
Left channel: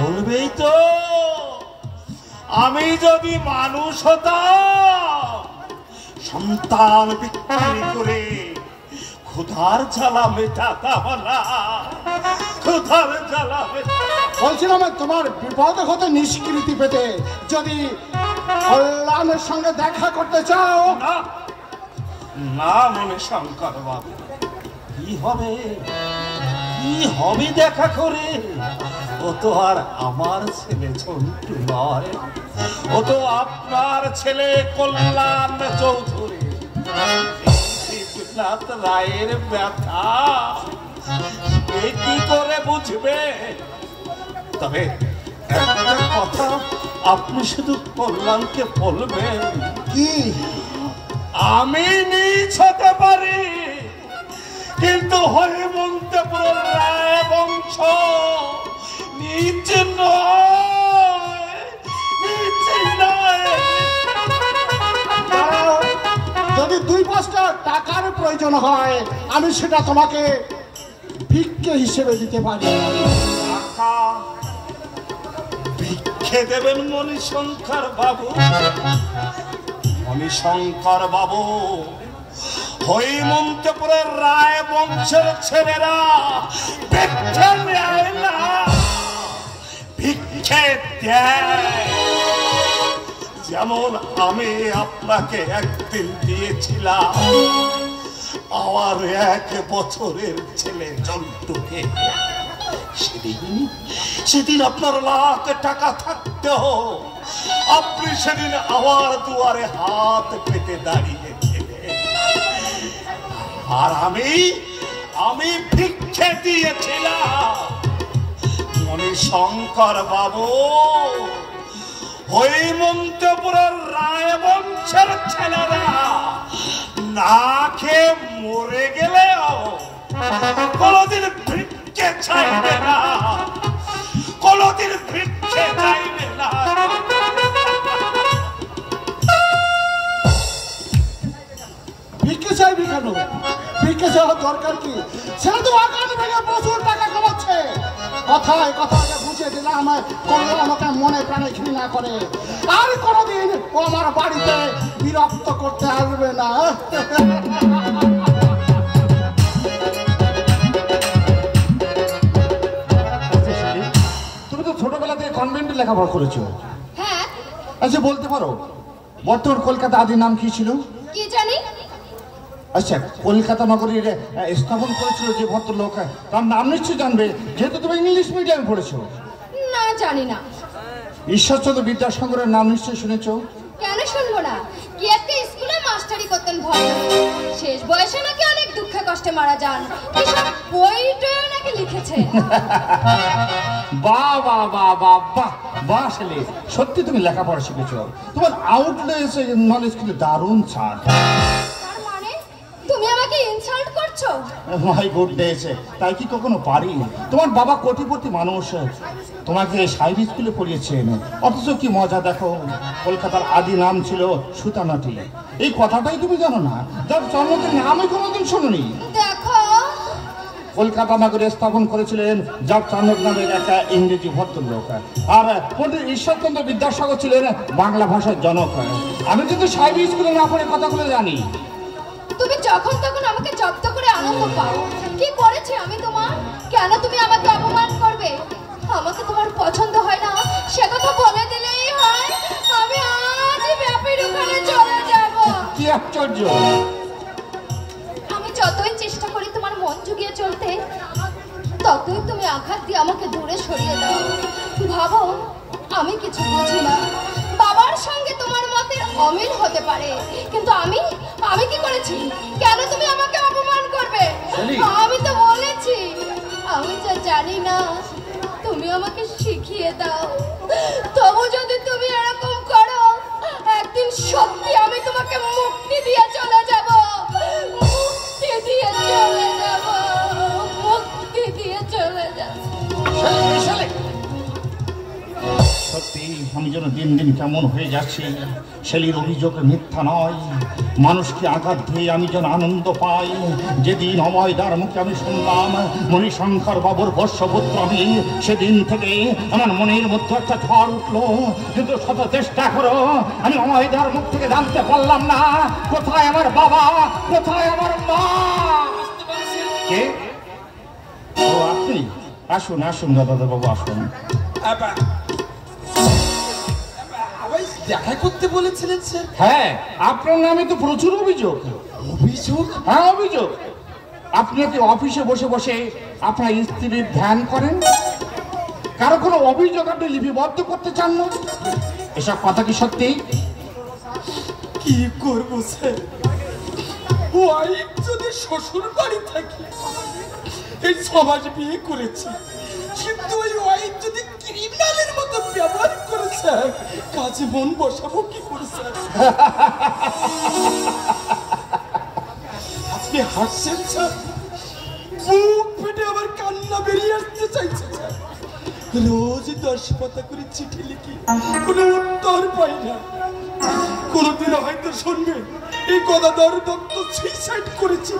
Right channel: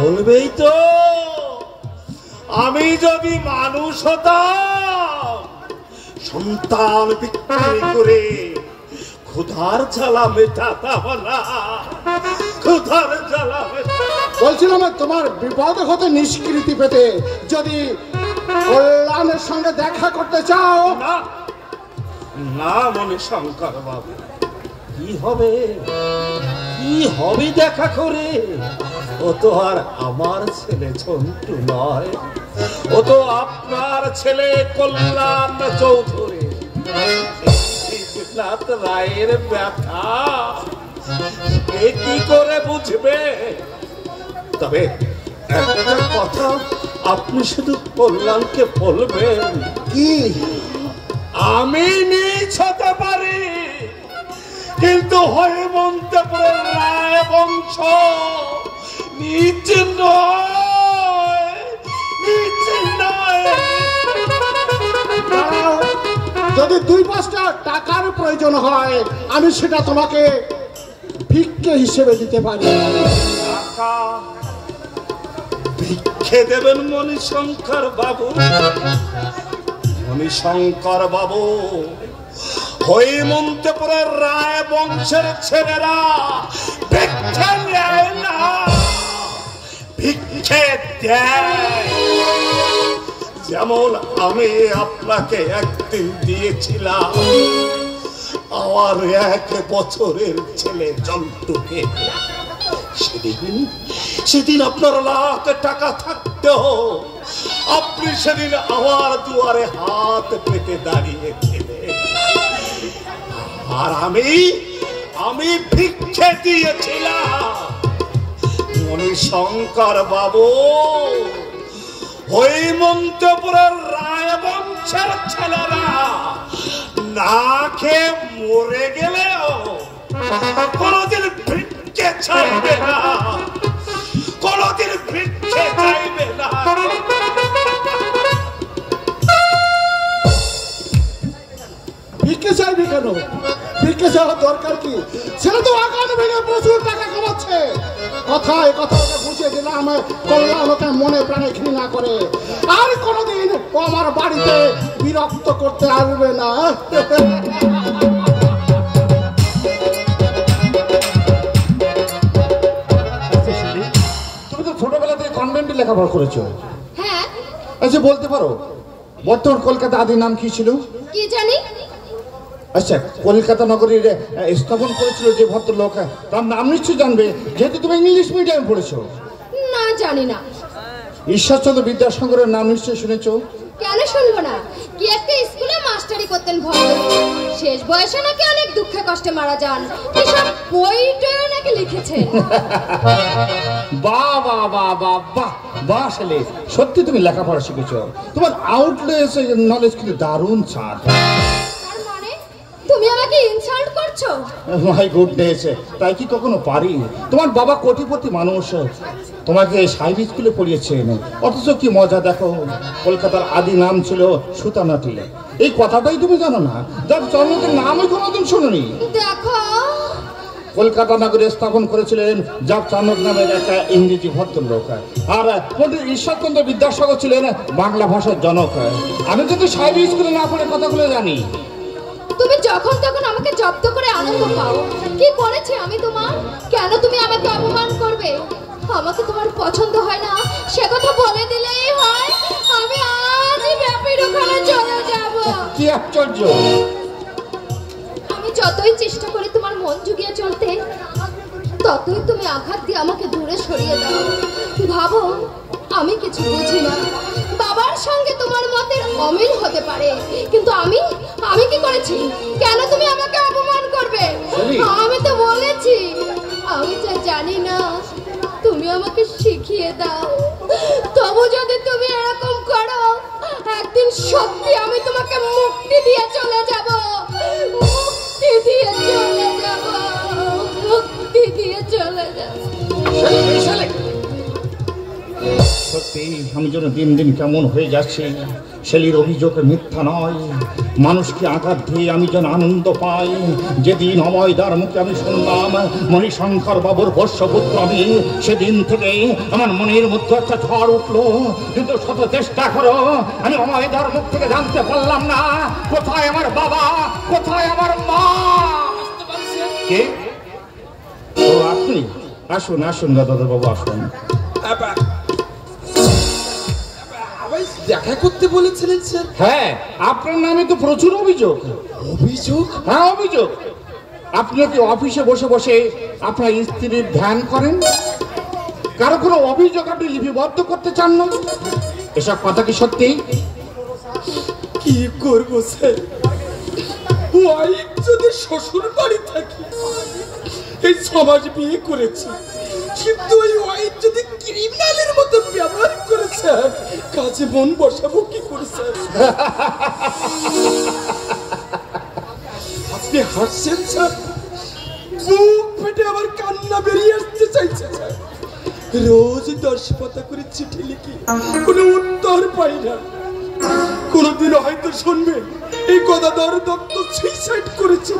বলবেই তো। আমি যদি মানুষ হতাম, সন্তান বিক্রি করে ক্ষুধার জ্বালা মেটাতাম না। ক্ষুধার জ্বালা বলছিলাম তোমার বিপদ হতে নিষ্কৃতি পেতে যদি কল্যাণের সঙ্গে দেখা করতে চাও। না না মণিশঙ্কর বাবু, কি হবে? কি হবে দেখা করে? ও তো আর আমার ছেলে ঝন্টু নয়, ও তো আপনার ছেলে কল্যাণ চৌধুরী। শিবনাথ রায়ের ব্যথা সে কি করে বুঝবে? তবে একটা কথা আপনি শুধু কল্যাণকে বলবেন, কি? আমি নিজ হতে পারি, কিন্তু হেমন্তপুরের রায় বংশ নিজ নয়, নিজ নয়। যদি 2-5টা টাকার প্রয়োজন হয় আমি সেটা তোমাকে ভিক্ষে হিসেবে দিতে পারি। টাকা ভিক্ষে দেবেন মণিশঙ্কর বাবু? মণিশঙ্কর বাবু, হেমন্তপুরের রায় বংশের ছেলেরা ভিক্ষে নেয় না, ভিক্ষে দেয়। যেমন আমি আপনাকে একদিন দিয়েছিলাম আমার 1 বছরের ছেলে জন্তুকে। সেদিন আপনার লাখ টাকা থাকতেও আপনি সেদিন আমার দুয়ারে হাত পেতে দাঁড়িয়েছিলেন। আর আমি ভিক্ষে দিয়েছিলাম। মণিশঙ্কর বাবু, হেমন্তপুরের রায় বংশের ছেলেরা না খেয়ে মরে গেলেও কোনদিন ভিক্ষে চাইবে না, কোনদিন ভিক্ষে চাইবে না। ভিক্ষে চাইবি কেন? ভিক্ষে চাওয়ার দরকার কি? সেটা তো আকান ভেঙে প্রচুর টাকা কামাচ্ছে। কথায় কথা বুঝিয়ে দিলাম আমার কল্যাণ আমাকে মনে প্রাণে ঘৃণা করে। আর কোনোদিন ও আমার বাড়িতে বিরক্ত করতে আসবে না। তুমি তো ছোটবেলা থেকে কনভেন্টে লেখাপড়া করেছো। হ্যাঁ। আচ্ছা বলতে পারো বর্তমান কলকাতা আদির নাম কি ছিল? কি জানি? আচ্ছা কলকাতা নগরীর স্থাপন করেছিল যে ভদ্রলোক, তার নাম নিশ্চয়ই জানবে যেহেতু তুমি ইংলিশ মিডিয়াম পড়েছো। না, জানি না। ঈশ্বরচন্দ্র বিদ্যাসাগরের নাম নিশ্চয়ই শুনেছো? কেন শুনবো না? কি একটা স্কুলে মাস্টারি করতেন ভদ্রলোক। শেষ বয়সে নাকি অনেক দুঃখে কষ্টে মারা যান। এসব বই টইও নাকি লিখেছেন। বাহ বাহ বাহ বাহ বাহ বাহ, আসলে সত্যি তুমি লেখাপড়া শিখেছো। তোমার আউটলেস নলেজ কিন্তু দারুণ ছাড়। মানে তুমি আমাকে ইনসাল্ট করছো? মাই গুডনেস, তাই কি কখনো পারি? তোমার বাবা কোটিপতি মানুষ, তোমাকে সাইড স্কুলে পড়িয়েছেন, অথচ কি মজা দেখো, কলকাতার আদি নাম ছিল সুতানাটি। এই কথাটাই তুমি জানো না, যার জন্মদিন নামই কোনোদিন শোনোনি। দেখো, কলকাতা নগরে স্থাপন করেছিলেন জাব চানক নামের একটা ইংরেজি ভদ্রলোক, আর পণ্ডিত ঈশ্বরচন্দ্র বিদ্যাসাগর ছিলেন বাংলা ভাষার জনক। আমি কিন্তু সাইড স্কুলে না পড়ে কথাগুলো জানি। তুমি যখন তখন আমাকে জব্দ করে আনন্দ পাও। কি করেছি আমি তোমার? কেন তুমি আমাকে অপমান করবে? আমাকে তোমার পছন্দ হয় না সে কথা বলে দিলেই হয়। আমি আজই ব্যাপীর ওখানে চলে যাব। কি আশ্চর্য! আমি যতই চেষ্টা করি তোমার মন জুগিয়ে চলতে, ততই তুমি আঘাত দিয়ে আমাকে দূরে সরিয়ে দাও। ভাবো আমি কিছু বুঝি না, বাবার সঙ্গে তোমার মতের অমিল হতে পারে, কিন্তু আমি কি করেছি? কেন তুমি আমাকে অপমান করবে? আমি তো বলেছি আমি যা জানি না তুমি আমাকে শিখিয়ে দাও। তবু যদি তুমি এরকম করো, একদিন সত্যি আমি তোমাকে মুক্তি দিয়ে চলে যাব। মুক্তি দিয়ে চলে যাব, মুক্তি দিয়ে চলে যাব। সত্যি আমি যেন দিন দিন কেমন হয়ে যাচ্ছি। শেলির অভিযোগ মিথ্যা নয়, মানুষকে আঘাত দিয়ে আমি যেন আনন্দ পাই। যেদিন অময়দার মুখে আমি শুনলাম মণিশঙ্কর বাবুর বর্ষপুত্র আমি, সেদিন থেকে আমার মনের মধ্যে একটা ঝড় উঠলো। কিন্তু শত চেষ্টা করো আমি অময়দার মুখ থেকে জানতে পারলাম না কোথায় আমার বাবা, কোথায় আমার মা। কে? ও আপনি? আসুন আসুন দাদা বাবু আসুন। দেখা করতে বলেছিলেন স্যার? হ্যাঁ, আপনার নামে তো প্রচুর অভিযোগ। অভিযোগ? হ্যাঁ অভিযোগ। আপনি কি অফিসে বসে বসে আপনার স্ত্রীর ধ্যান করেন? কারো কোনো অভিযোগ আপনি লিপিবদ্ধ করতে চান না? এসব কথা কি সত্যি? কি করবো স্যার, ওয়াইফ যদি শ্বশুর বাড়ি থাকি, এই সমাজ বিয়ে করেছি, কিন্তু ওই ওয়াইফ যদি ক্রিমিনালের মতো ব্যবহার করে স্যার, কাজে মন বসাবো কি করে স্যার? আপনি হাসছেন স্যার, বুক ফেটে আবার কান্না বেরিয়ে আসতে চাইছে স্যার। রোজ 10 পাতা করে চিঠি লিখি, কোনো উত্তর পাই না। কোনদিন হয়তো শুনবেন এই গদাধর দত্ত সুইসাইড করেছে,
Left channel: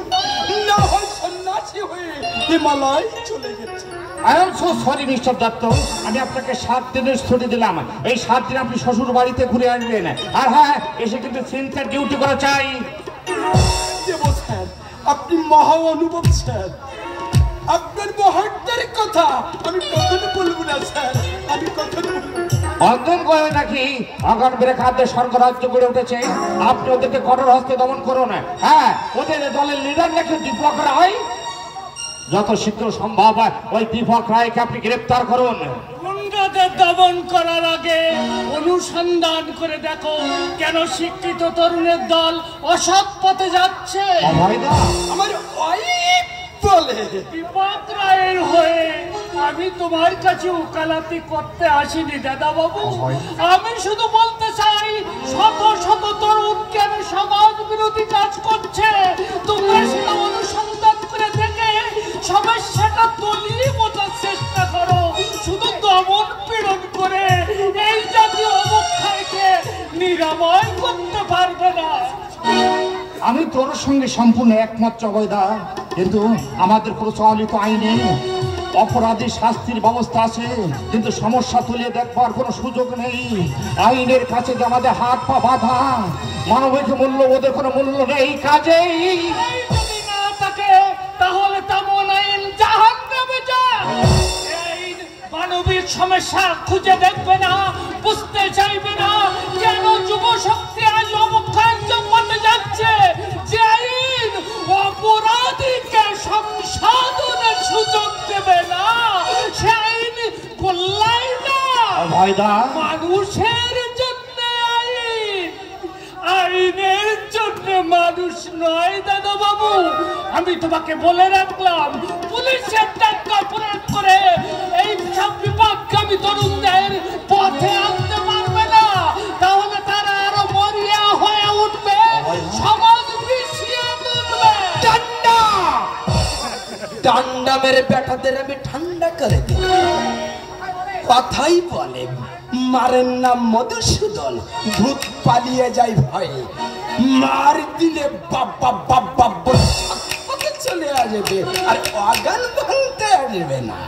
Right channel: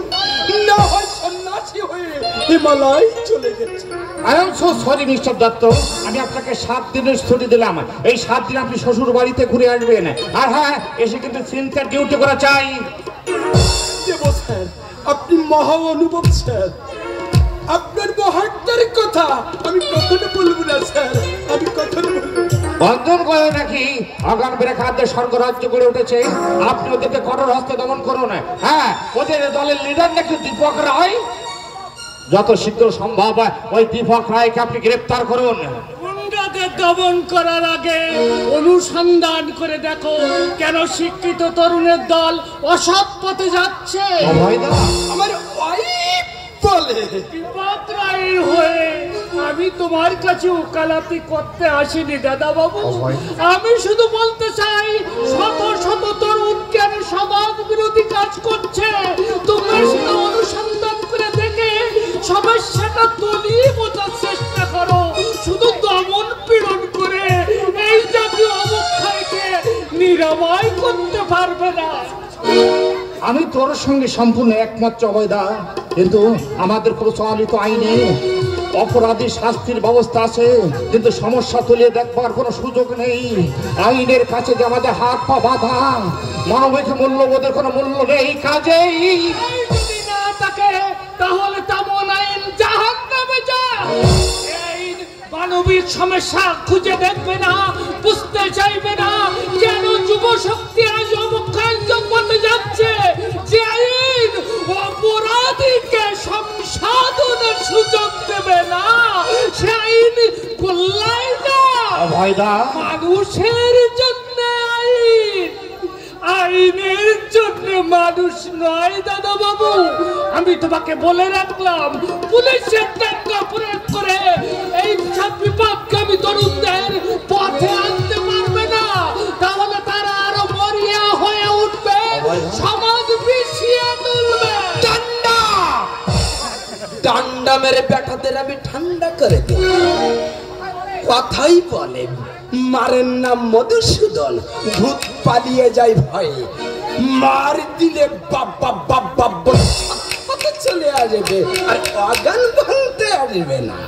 না হয় সন্ন্যাসী হয়ে হিমালয় চলে গেছে। I am so sorry mister Dutta, আমি আপনাকে 7 দিনের ছুটি দিলাম। এই 7 দিন আপনি শ্বশুর বাড়িতে ঘুরে আসবেন। আর হ্যাঁ, এসে কিন্তু সিনসিয়ার ডিউটি করা চাই। দেব স্যার, আপনি মহা অনুভব স্যার। আপনার মহাত্মার কথা আমি কখনো বলবো না স্যার, আমি কখনো বলবো না। বন্ধন করে নাকি অগান বেরেখাতে স্বর্গরাজ্য গড়ে উঠেছে, আপনি ওদেরকে কঠোর হস্তে দমন করুন। হ্যাঁ, ওদের দলের লিডার নাকি দীপক রায়। যত শীঘ্র সম্ভব ওই দীপক রায়কে আপনি গ্রেপ্তার করুন। গুন্ডাকে দমন করার আগে অনুসন্ধান করে দেখো কেন শিক্ষিত তরুণের দল অসৎ পথে যাচ্ছে। অভয়দা, আমার ওয়াইফ বলে বিপদ রায়ের হয়ে আমি তোমার কাছে ওকালতি করতে আসিনি দাদা বাবু। আমি শুধু বলতে চাই, শত শত তরুণ কেন সমাজ বিরোধী কাজ করছে, তোমরা সেটা অনুসন্ধান করে দেখে সমস্যাটা তলিয়ে বোঝার চেষ্টা করো। শুধু দমন পীড়ন করে এই জাতীয় অবক্ষয়কে নিরাময় করতে পারবে না। আমি তোর সঙ্গে সম্পূর্ণ একমত অভয়দা, কিন্তু আমাদের প্রচলিত আইনে অপরাধী শাস্তির ব্যবস্থা আছে, কিন্তু সমস্যা তুলে দেখবার কোনো সুযোগ নেই। আইনের কাছে যে আমাদের হাত পা বাঁধা, মানবিক মূল্যবোধের কোনো মূল্য নেই। কাজেই যদি না থাকে তাহলে তেমন আইন জাহান্নামে যায়। আইন মানবিক সমস্যা খুঁজে দেখবে না, বুঝতে চাইবে না কেন যুব শক্তি আজ অবক্ষয়ের পথে যাচ্ছে। যে আইন অপরাধীকে সংশোধনের সুযোগ দেবে না, সে আইন কল্যাণ না। অভয়দা, মানুষের জন্য আইন, আইনের জন্য মানুষ নয় দাদা বাবু। আমি তোমাকে বলে রাখলাম, পুলিশের টাকা প্রয়োগ করে এই সব বিপদগামী তরুণদের পথে আনতে পারবে না, তাহলে তারা আরো মরিয়া হয়ে উঠবে, সমাজ পিছিয়ে তুলবে। গ্রামের বেটাদের আমি ঠান্ডা করে দিই। কথাই বলে মারের নাম মধুসূদন, ভূত পালিয়ে যায় ভয়ে, মার দিলে বাবা বাবা বলে চলে আসবে, আর অগান ভাঙতে আসবে না।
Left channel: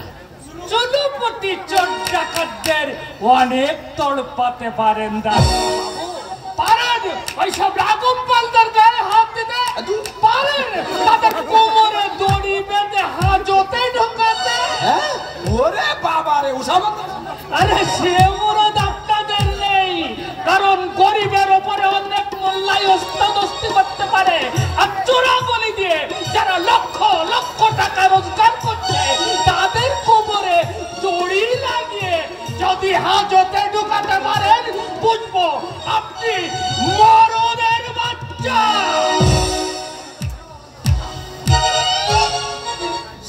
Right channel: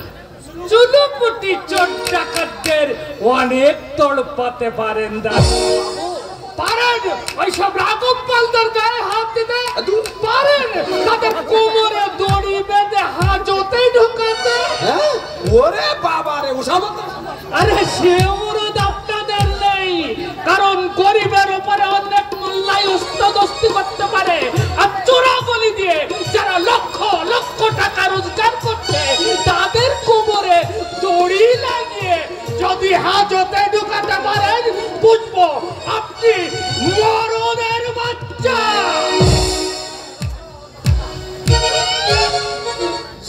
চুনুপুটি চোর ডাকাতদের অনেক তড়পাতে পারেন পারেন, ওইসব রাগম পালদের গায়ে হাত দিতে পারেন, তাদের কোমরে দড়ি বেঁধে হাজতে ঢুকাতে। হ্যাঁ ওরে বাবা রে, আরে সে মরদ আপনাদের নেই, কারণ গরিবের ওপরে অনেক মোল্লাই ওস্তাদস্তি করতে পারে, আর চোরাগলি দিয়ে যারা লক্ষ লক্ষ টাকা রোজগার করছে তাদের কোমরে দড়ি লাগিয়ে যদি হাজতে ঢুকাতে পারেন, বুঝবো আপনি মরদের বাচ্চা।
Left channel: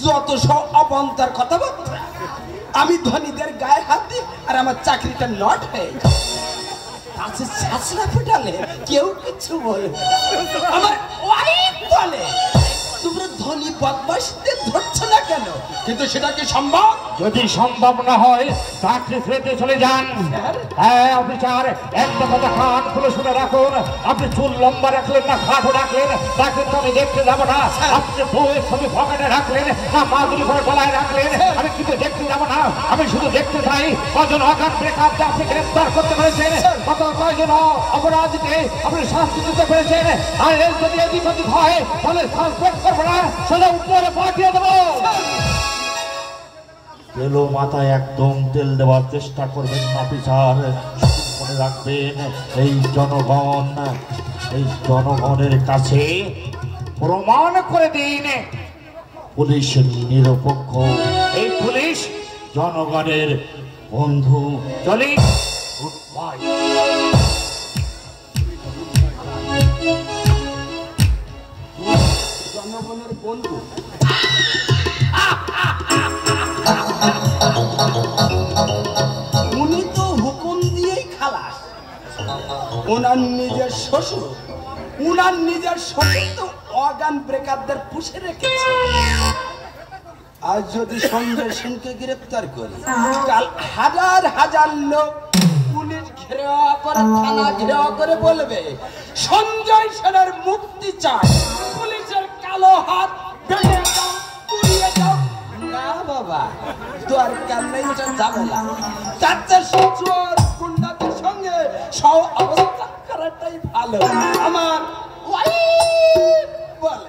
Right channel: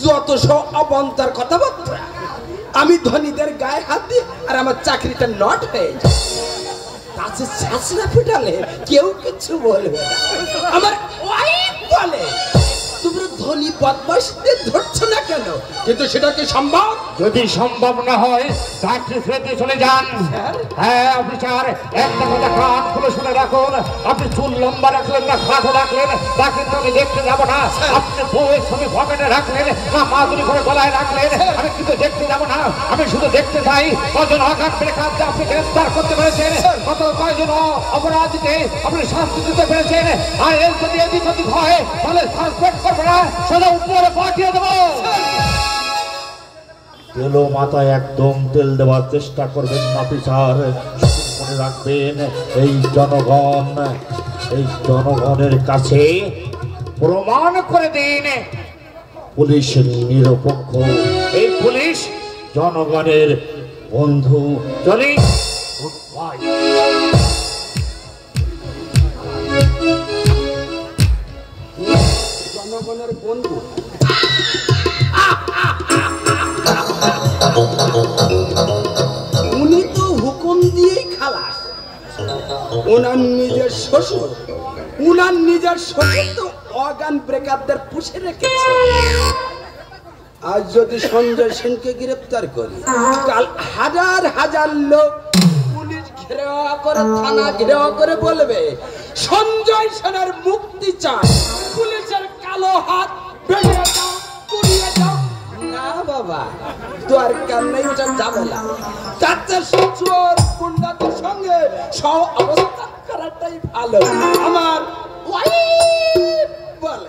যত সব অবন্তার কথাবার্তা, আমি ধনীদের গায়ে হাত দিই আর আমার চাকরিটা নট হয়ে যায়। তাছে শাসনা ফুটালে কেউ কিছু বলবে না। আমার ওয়াইফ বলে তোমরা ধনী বদমাশদের ধরছো না কেন, কিন্তু সেটা কি সম্ভব? যদি সম্ভব না হয় চাকরি ফেরতে চলে যান। হ্যাঁ অফিসার, একটা কথা কান খুলে শুনে রাখুন, আপনি চুল লম্বা রাখলেন না খাটো রাখলেন তা কিন্তু আমি দেখতে যাবো না। আপনি বউয়ের ছবি পকেটে রাখলেন না মাদুরি করে গলায় রাখলেন, আমি কিন্তু দেখতে যাবো না। আমি শুধু দেখতে চাই কজন অজ্ঞান বেকারকে আপনি গ্রেফতার করতে পেরেছেন, কত কয়জন অপরাধীকে আপনি শাস্তি দিতে পেরেছেন। আর এর যদি এদিক ওদিক হয় তাহলে সাসপেক্ট করবো না, সোজা উপরে পাঠিয়ে দেবো। তেলো মাথায় একদম তেল দেওয়ার চেষ্টা করবেন না অফিসার। মনে রাখবেন এই জনগণের কাছে প্রমাণ করে দিন পুলিশ নিরপেক্ষ, এই পুলিশ জনগণের বন্ধু। চলি জনগণের বন্ধু। উনি তো হুকুম দিয়েই খালাস। ওনার নিজের শ্বশুর তো অজ্ঞান ব্রেকারদের পুষে রেখেছে। আজ যদি সঞ্জয় সেনকে গ্রেপ্তার করি, কাল হাজার হাজার লোক পুলিশ ঘেরাও করে, থানা ঘেরাও করে বলবে সঞ্জয় সেনের মুক্তি চায়, পুলিশের কালো হাত ভেঙে দাও, পুড়িয়ে দাও। না বাবা, দরকার নেই, ওটা যাবো না। চারটে চোর গুন্ডাদের সঙ্গে সব অবস্থান করাটাই ভালো। আমার ওয়াইফ বলে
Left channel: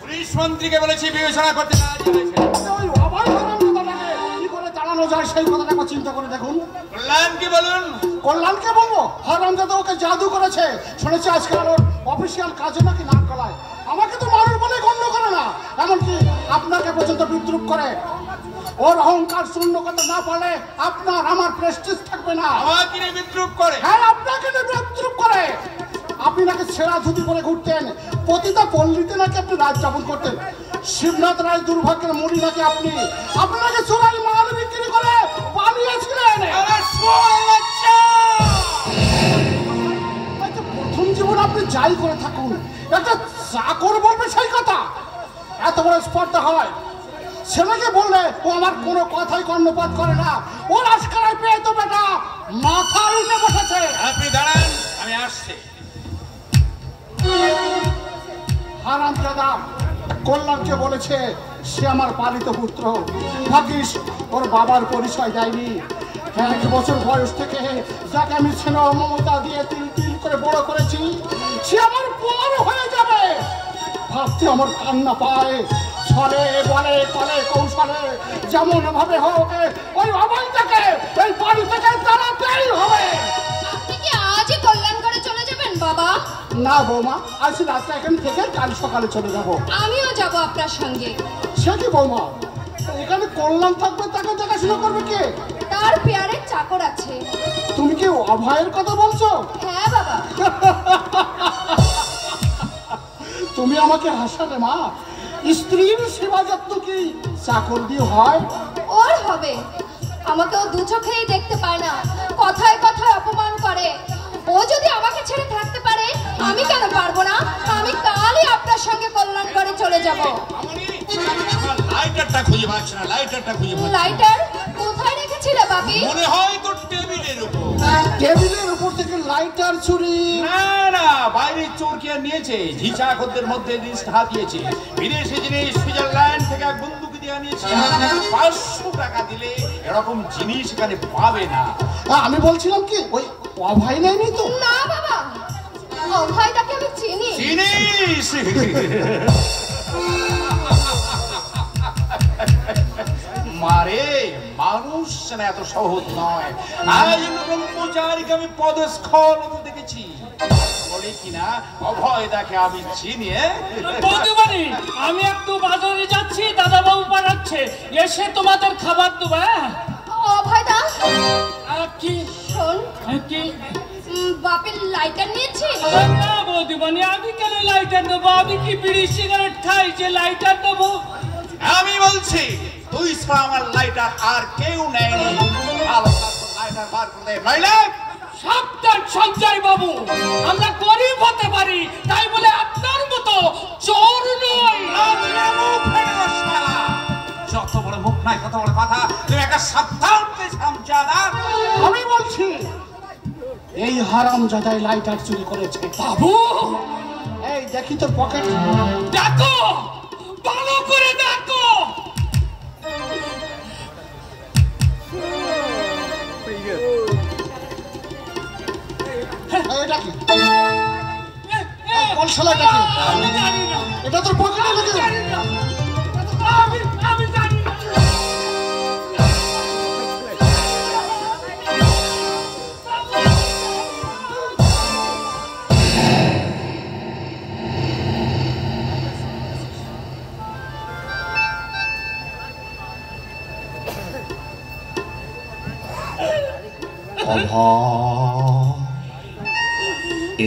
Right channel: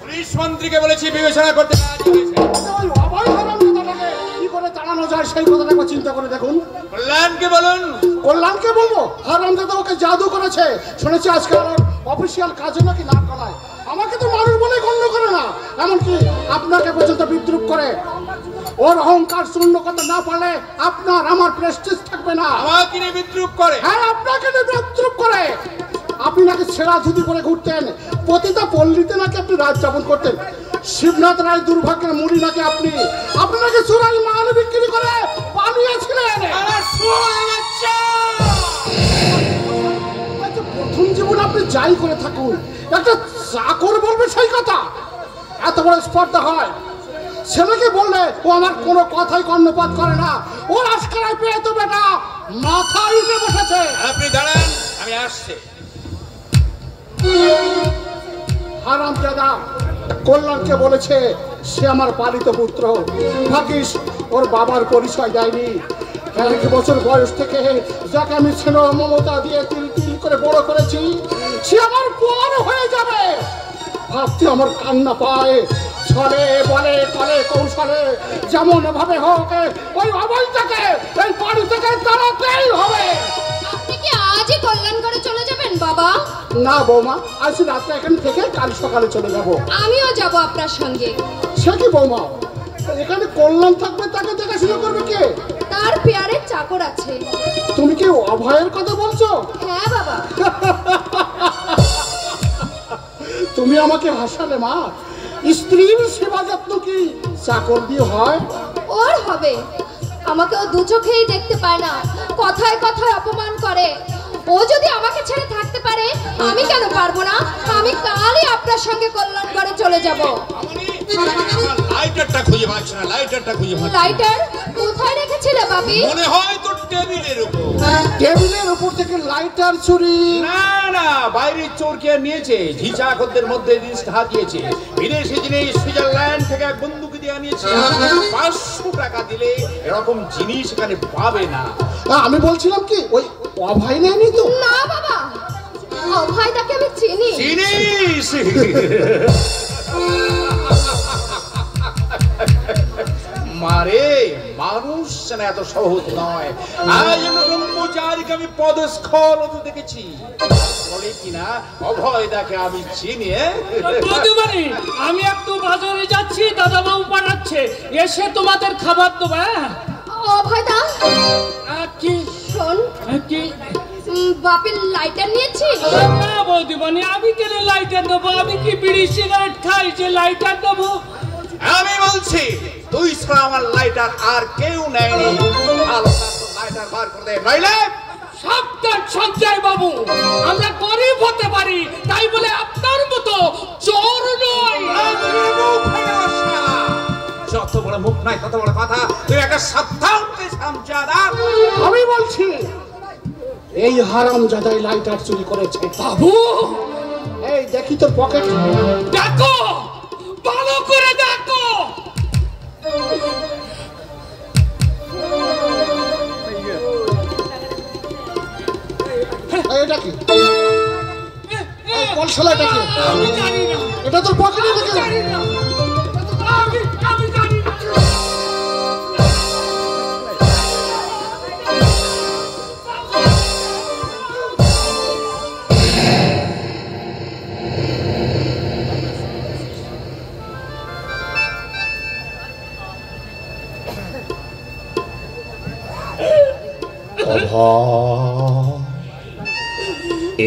পুলিশ মন্ত্রীকে বলেছি বিবেচনা করতে। সেই কথাটা একবার চিন্তা করে দেখুন। কল্যাণকে বলুন। কল্যাণকে বলবো? হারামজাদা ওকে জাদু করেছে, শুনেছি আজকাল অফিসিয়াল কাজে নাকি না করায়। আমাকে তো মানুষ বলে গণ্য করে না, এমনকি আপনাকে পর্যন্ত বিদ্রুপ করে। ওর অহংকার শূন্য করতে না পারলে আপনার আমার প্রেস্টিজ থাকবে না। আমাকে নিয়ে বিদ্রুপ করে? হ্যাঁ, আপনাকে নিয়ে বিদ্রুপ করে। আপনি নাকি ছেঁড়া ধুতি পরে ঘুরতেন, প্রতিটা পল্লীতে নাকি আপনি রাত যাপন করতেন। শিবনাথ রায় দুর্ভাগ্যের মুড়ি নাকি আপনি, আপনাকে চোরাই মাল বিক্রি করে পালিয়েছিলেন। প্রথম জীবন আপনি যাই করে থাকুন, একটা চাকর বলবে সেই কথা? এত বড় স্পর্ধা হয়? ছেলেকে বললে ও আমার কোনো কথাই কর্ণপাত করে না। ও রাজখানায় পেয়ে তো বেটা মাথা উঠে বসেছে। আপনি দাঁড়ান, আমি আসছি। হারামজাদা কল্যাণকে বলেছে সে আমার পালিত পুত্র। ভাগ্যিস ওর বাবার পরিচয় দেয়নি। 1 বছর বয়স থেকে যাকে আমি স্নেহ মমতা দিয়ে তিল তিল করে বড় করেছি, সে আমার বড় হয়ে যাবে ভাবতে আমার কান্না পায়। ছলে বলে কলে কৌশলে যেমন ভাবে হোক ওই অবৈধকে এই বাড়ি থেকে তাড়াতেই হবে। আপনি কি আজই কল্যাণ করে চলে যাবেন বাবা? না বৌমা, আজ রাতে এখান থেকে কাল সকালে চলে যাব। আমিও যাব আপনার সঙ্গে। সে কি বৌমা, এখানে কল্যাণ থাকবে, তাকে দেখাশোনা করবে কে? তার পেয়ারের চাকর আছে। তুমি কি অভয়ের কথা বলছো? হ্যাঁ বাবা। তুমি আমাকে হাসালে মা। স্ত্রীর সেবা যত্ন কি চাকর দিয়ে হয়? ওর হবে। আমাকে ও দু চোখেই দেখতে পায় না, কথায় কথায় অপমান করে। ও যদি আমাকে ছেড়ে থাকতে পারে আমি কেন পারবো না? আমি কালই আপনার সঙ্গে কল্যাণগড়ে চলে যাব। লাইটারটা খুঁজে পাচ্ছি না, লাইটারটা খুঁজে পাচ্ছি না। লাইটার কোথায় রেখেছিলে বাপি? মনে হয় তো টেবিলের উপর। টেবিলের উপর থেকে লাইটার চুরি? না না, বাইরের চোর কে নিয়েছে, ঝিঁচা খদ্দের মধ্যে জিনিসটা হাতিয়েছে। বিদেশি জিনিস সুইজারল্যান্ড থেকে এক বন্ধুকে দিয়ে আনিয়েছে। 500 টাকা দিলে এরকম জিনিস এখানে পাবে না। আমি বলছিলাম কি, ওই অভয় নেয়নি তো? না বাবা, অভয় তাকে আমি চিনি। চিনিস? মারে, মানুষ না এত সহজ নয়। আজ ব্রহ্মচারীকে আমি পদস্খল হতে দেখেছি। বলে কিনা অভয় দেখে আমি চিনি। বধূমণি, আমি একটু বাজারে যাচ্ছি, দাদা বাবু পাঠাচ্ছে, এসে তোমাদের খাবার দেবো। অভয় দা, কি শোন, কি? বাপের লাইটার নিয়েছি? না বৌদিমণি, আমি কেন লাইটার দেবো? আমি কি বিড়ি সিগারেট খাই যে লাইটার দেবো? আমি বলছি তুই ছাড়া আমার লাইটার আর কেউ নেয়নি। লাইটার বার করে দে, নইলে সাবধান সঞ্জয় বাবু, আমরা গরিব হতে পারি, তাই বলে আপনার মতো চোর নই। যত বড় মুখ নাই তত বড় কথা। তুই একটা সাবধান সামজাদা। আমি বলছি এই হারামজাদা লাইটার চুরি করেছে। বাবু, এই দেখি তো পকেট। দেখো, ভালো করে দেখো। এটা কি? কলসলাটা কি? আমি জানি না, এটা তো পকেটে লেগে জানি না, আমি জানি না।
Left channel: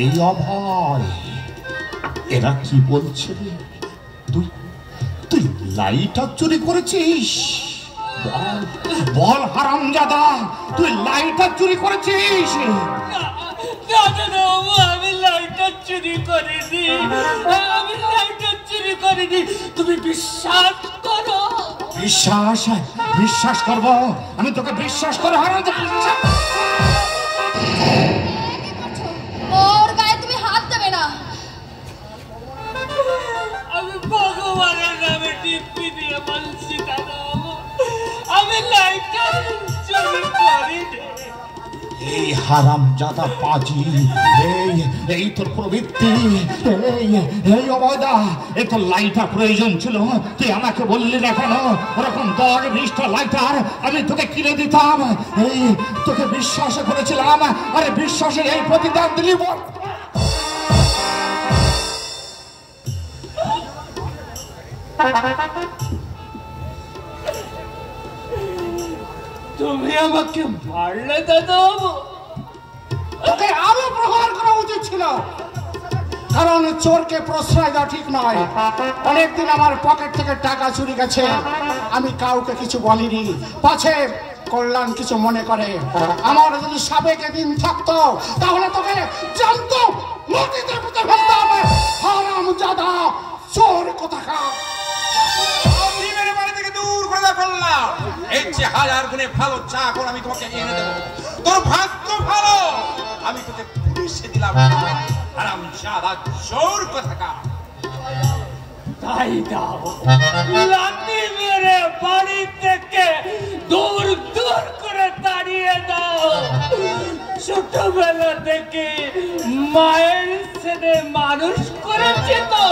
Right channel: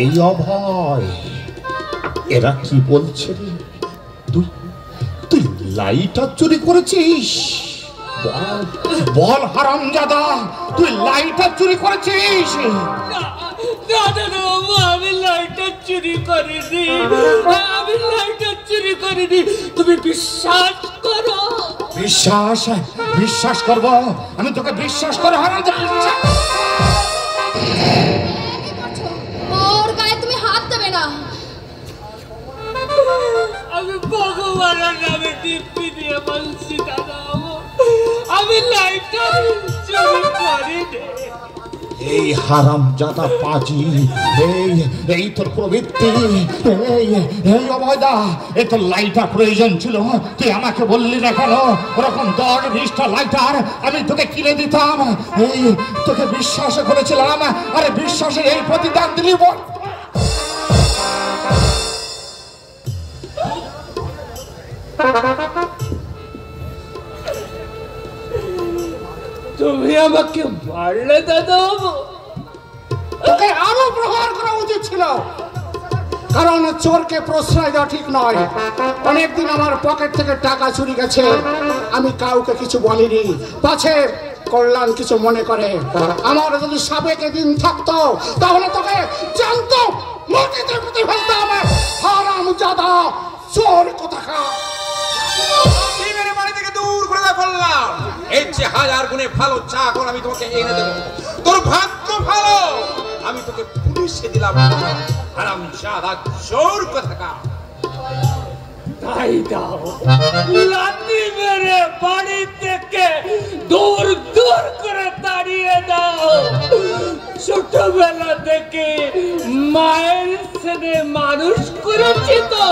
এই অভয়, এরা কি বলছে রে? তুই তুই লাইটার চুরি করেছিস? বল বল হারামজাদা, তুই লাইটার চুরি করেছিস? দাদা বাবু, আমি লাইটার চুরি করিনি, আমি লাইটার চুরি করিনি। তুমি বিশ্বাস করো? বিশ্বাস? বিশ্বাস করব? আমি তোকে বিশ্বাস করে হারামজাদা। ওর গায়ে তুমি হাত দেবে না। আমি ভগবানের নামে দিব্যি দিয়ে বলছি দাদা বাবু, আমি লাইটার চুরি করিনি। এই হারামজাদা পাজি, এই তোর প্রবৃত্তি। এই অভয়দা, এই তোর লাইটার প্রয়োজন ছিল, তুই আমাকে বললি না কেন? ওরকম 10-20টা লাইটার আমি তোকে কিনে দিতাম। এই তোকে বিশ্বাস করেছিলাম, আরে বিশ্বাসে এই প্রতিদান দিলি। বল তুমি আমাকে মারলে দাদা বাবু? তোকে আরো প্রহার করা উচিত ছিল, কারণ চোরকে প্রশ্রয় দেওয়া ঠিক নয়। অনেকদিন আমার পকেট থেকে টাকা চুরি গেছে, আমি কাউকে কিছু বলিনি, পাছে কল্যাণ কিছু মনে করে। আমার যদি সাবেকে দিন থাকতো তাহলে তোকে জানতো মাটিতে পুঁতে ফেলতাম। হারামজাদা চোর কোথাকার। বাড়ি থেকে দূর করে ফেললাম। এর চেয়ে 1000 গুণে ভালো চা এখন আমি তোমাকে এনে দেবো। তোর ভাগ্য ভালো, আমি তোকে পুলিশে দিলাম। হারামজাদা চোর কোথাকার। তাই দাও, লাঠি মেরে বাড়ি থেকে দূর দূর করে তাড়িয়ে দাও। ছোটবেলা থেকে মায়ের ছেলে মানুষ করেছি তো,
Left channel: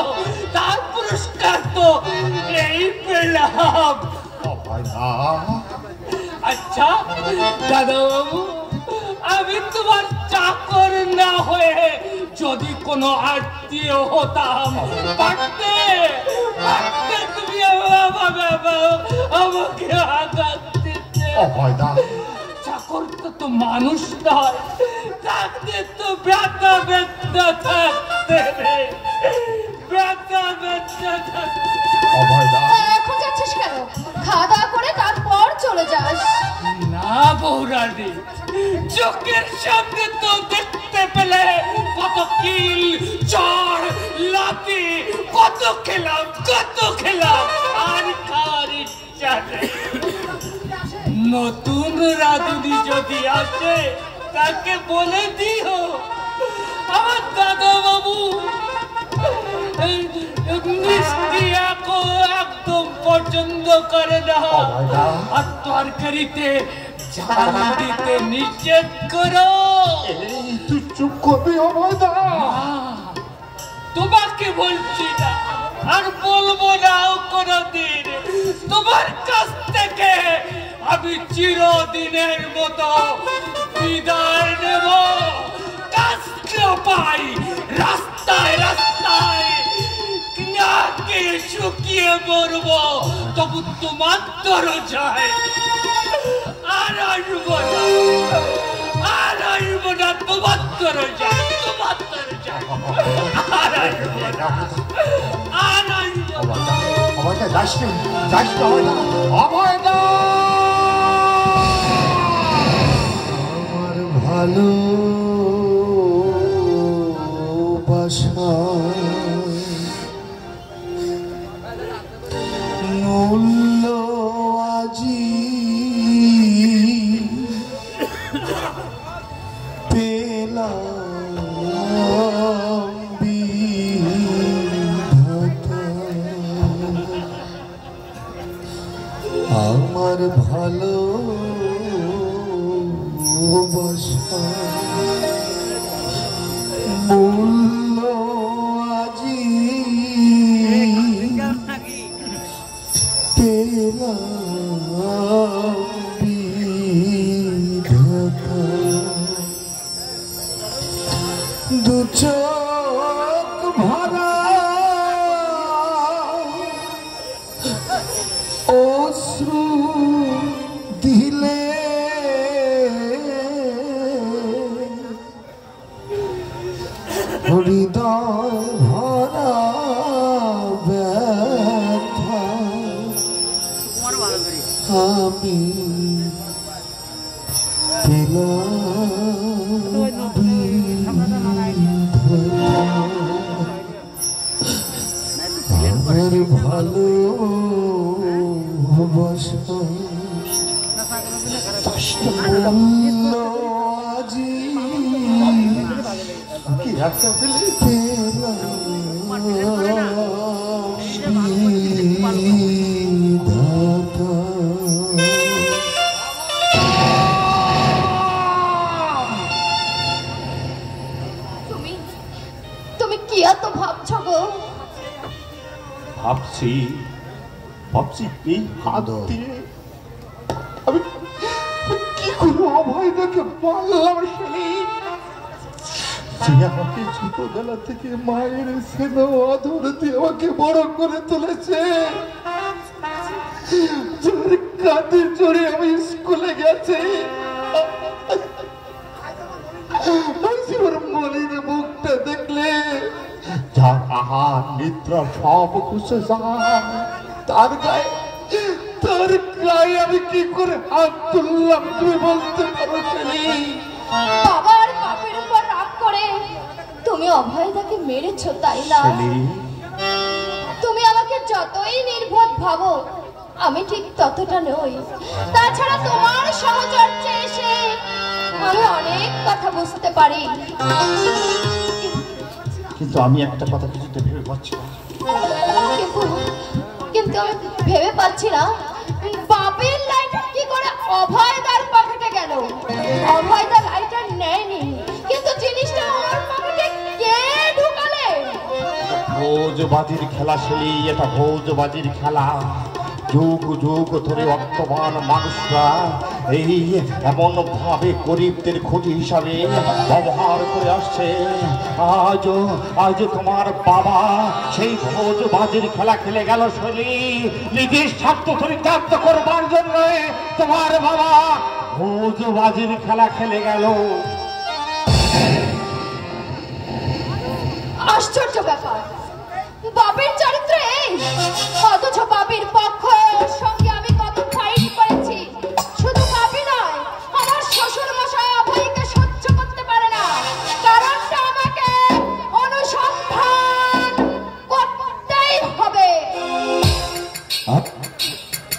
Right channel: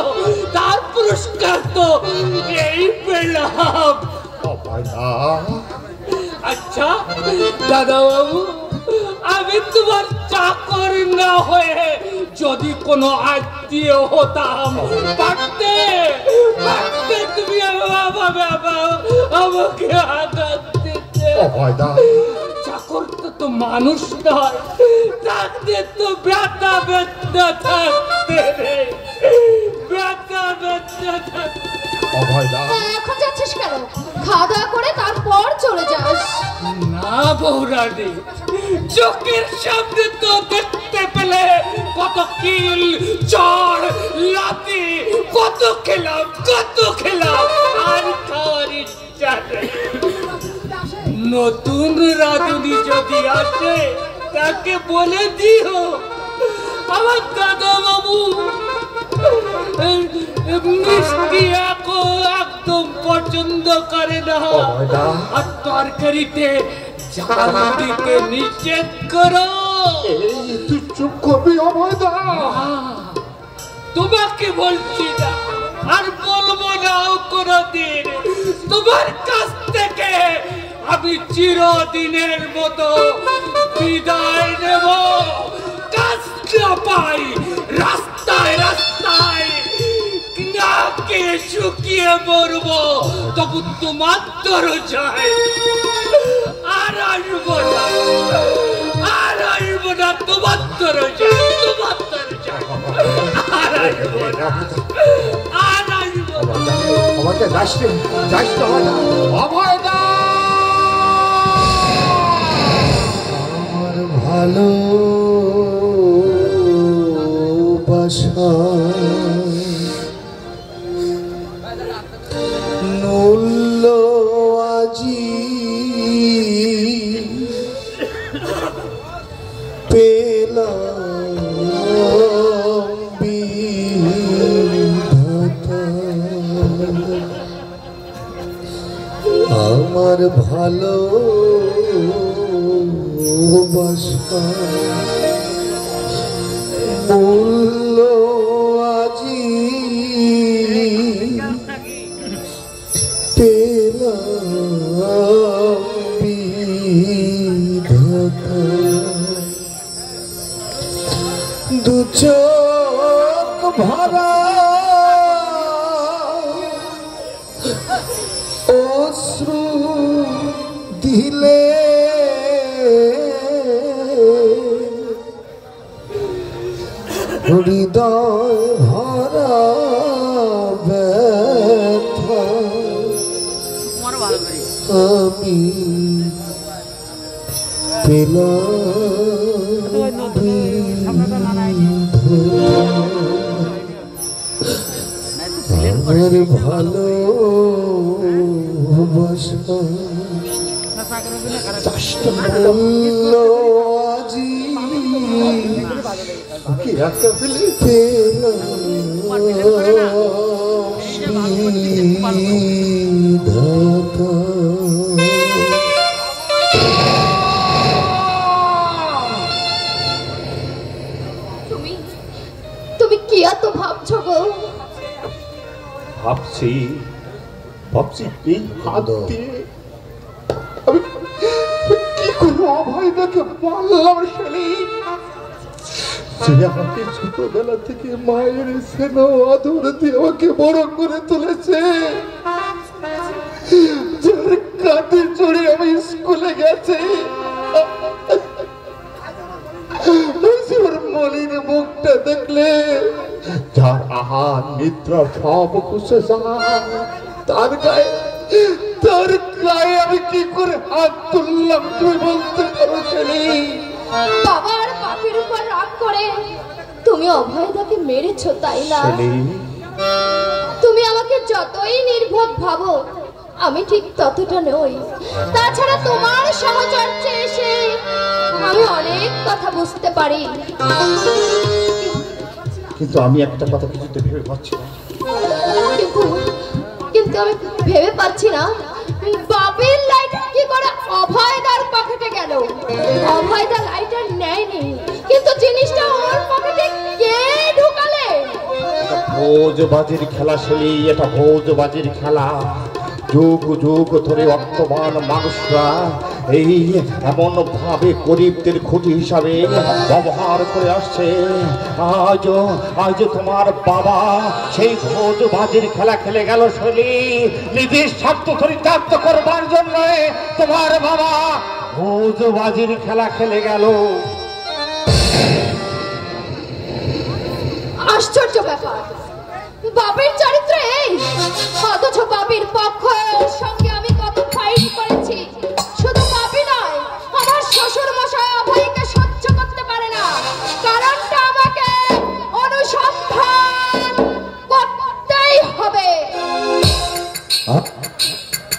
তার পুরস্কার তো এই পেলাম। আচ্ছা দাদা বাবু, আমি তোমার চাকর না হয়ে যদি কোনো আত্মীয় হতাম, পারতে তুমি আমাকে আঘাত দিতে। চাকরটা তো মানুষ নয়, থাকতে তো ব্যথা বেদনা থাকতে, ব্যথা বেদনা থাকতে। এখন যাচ্ছিস কেন? খাওয়া দাওয়া করে তারপর চলে যাস। না বৌরানি, চোখের সামনে তো দেখতে পেলে কত কিল চড় লাতি কত খেলাম আর খাওয়ার ইচ্ছা নেই। নতুন রাঁধুনি যদি আসে তাকে বলে দিও আমার দাদা বাবু মিষ্টি একদম পছন্দ করে না, আর তরকারিতে ঝাল দিতে নিষেধ করো। তুই চুপ করবি অভয়দা? তোমাকে বলছি না, আর বলবো না কোনদিন। তোমার কাছ থেকে আমি চিরদিনের মতো বিদায় নেব। কাজ না পাই রাস্তায় নাকে শুকিয়ে মরবো, তবু তোমার দরজায় আর আসবো না, তোমার দরজায় আর আসবো না। আমাকে অভয়দা ভালো মূল্য আজি পেলাম বিধাতা, আমার ভালো বাসা মূল্য আজি পেলাম বিধাতা, দু চোখ ভরা অশ্রু দিলে হৃদয় ভরা ব্যথা আমি পেলাম আমার ভালো মূল্য আজি তুমি কি এত ভাবছো গো? ভাবছি এই হাত দিয়ে আমি কি করবো? অভয়দাকে বললাম শুনি, সে আমাকে ছোটবেলা থেকে মায়ের স্নেহ আদর দিয়ে আমাকে বড় করে তুলেছে, যার কাঁধে চড়ে আমি স্কুলে গেছি, মলিন মুখটা দেখলে যার আহার নিদ্রা সব খুশে যায়, তার গায়ে আমি কি করে হাত তুললাম তুমি বলতে পারো? খেলি বাবা আর বাপের উপর রাগ করে তুমি অভয়দাকে মেরেছো, তাই না? তুমি আমাকে যতই নির্বোধ ভাবো আমি ঠিক ততটা নই। তাছাড়া তোমার সাহচর্যে এসে আমি অনেক কথা বুঝতে পারি, কিন্তু আমি একটা কথা কিছুতে ভেবে পাচ্ছি না। কিন্তু আমি ভেবে পাচ্ছি না বাপের লাইটার কি করে অভয়দার পকেটে গেল। অভয়দা লাইটার নেয়নি, কিন্তু জিনিসটা ওর পকেটে কে ঢুকালে? ভোজবাজির খেলা শেলি, এটা ভোজবাজির খেলা। যুগ যুগ ধরে বর্তমান মানুষরা এই এমন ভাবে গরিবদের খুঁটি হিসাবে ব্যবহার করে আসছে। আজ তোমার বাবা সেই ভোজবাজির খেলা খেলে গেল শেলি, নিজের স্বার্থ চরিতার্থ করবার জন্য তোমার বাবা ভোজবাজির খেলা খেলে গেল। আশ্চর্য ব্যাপার, বাপের চরিত্র এই, অথচ বাপের পক্ষ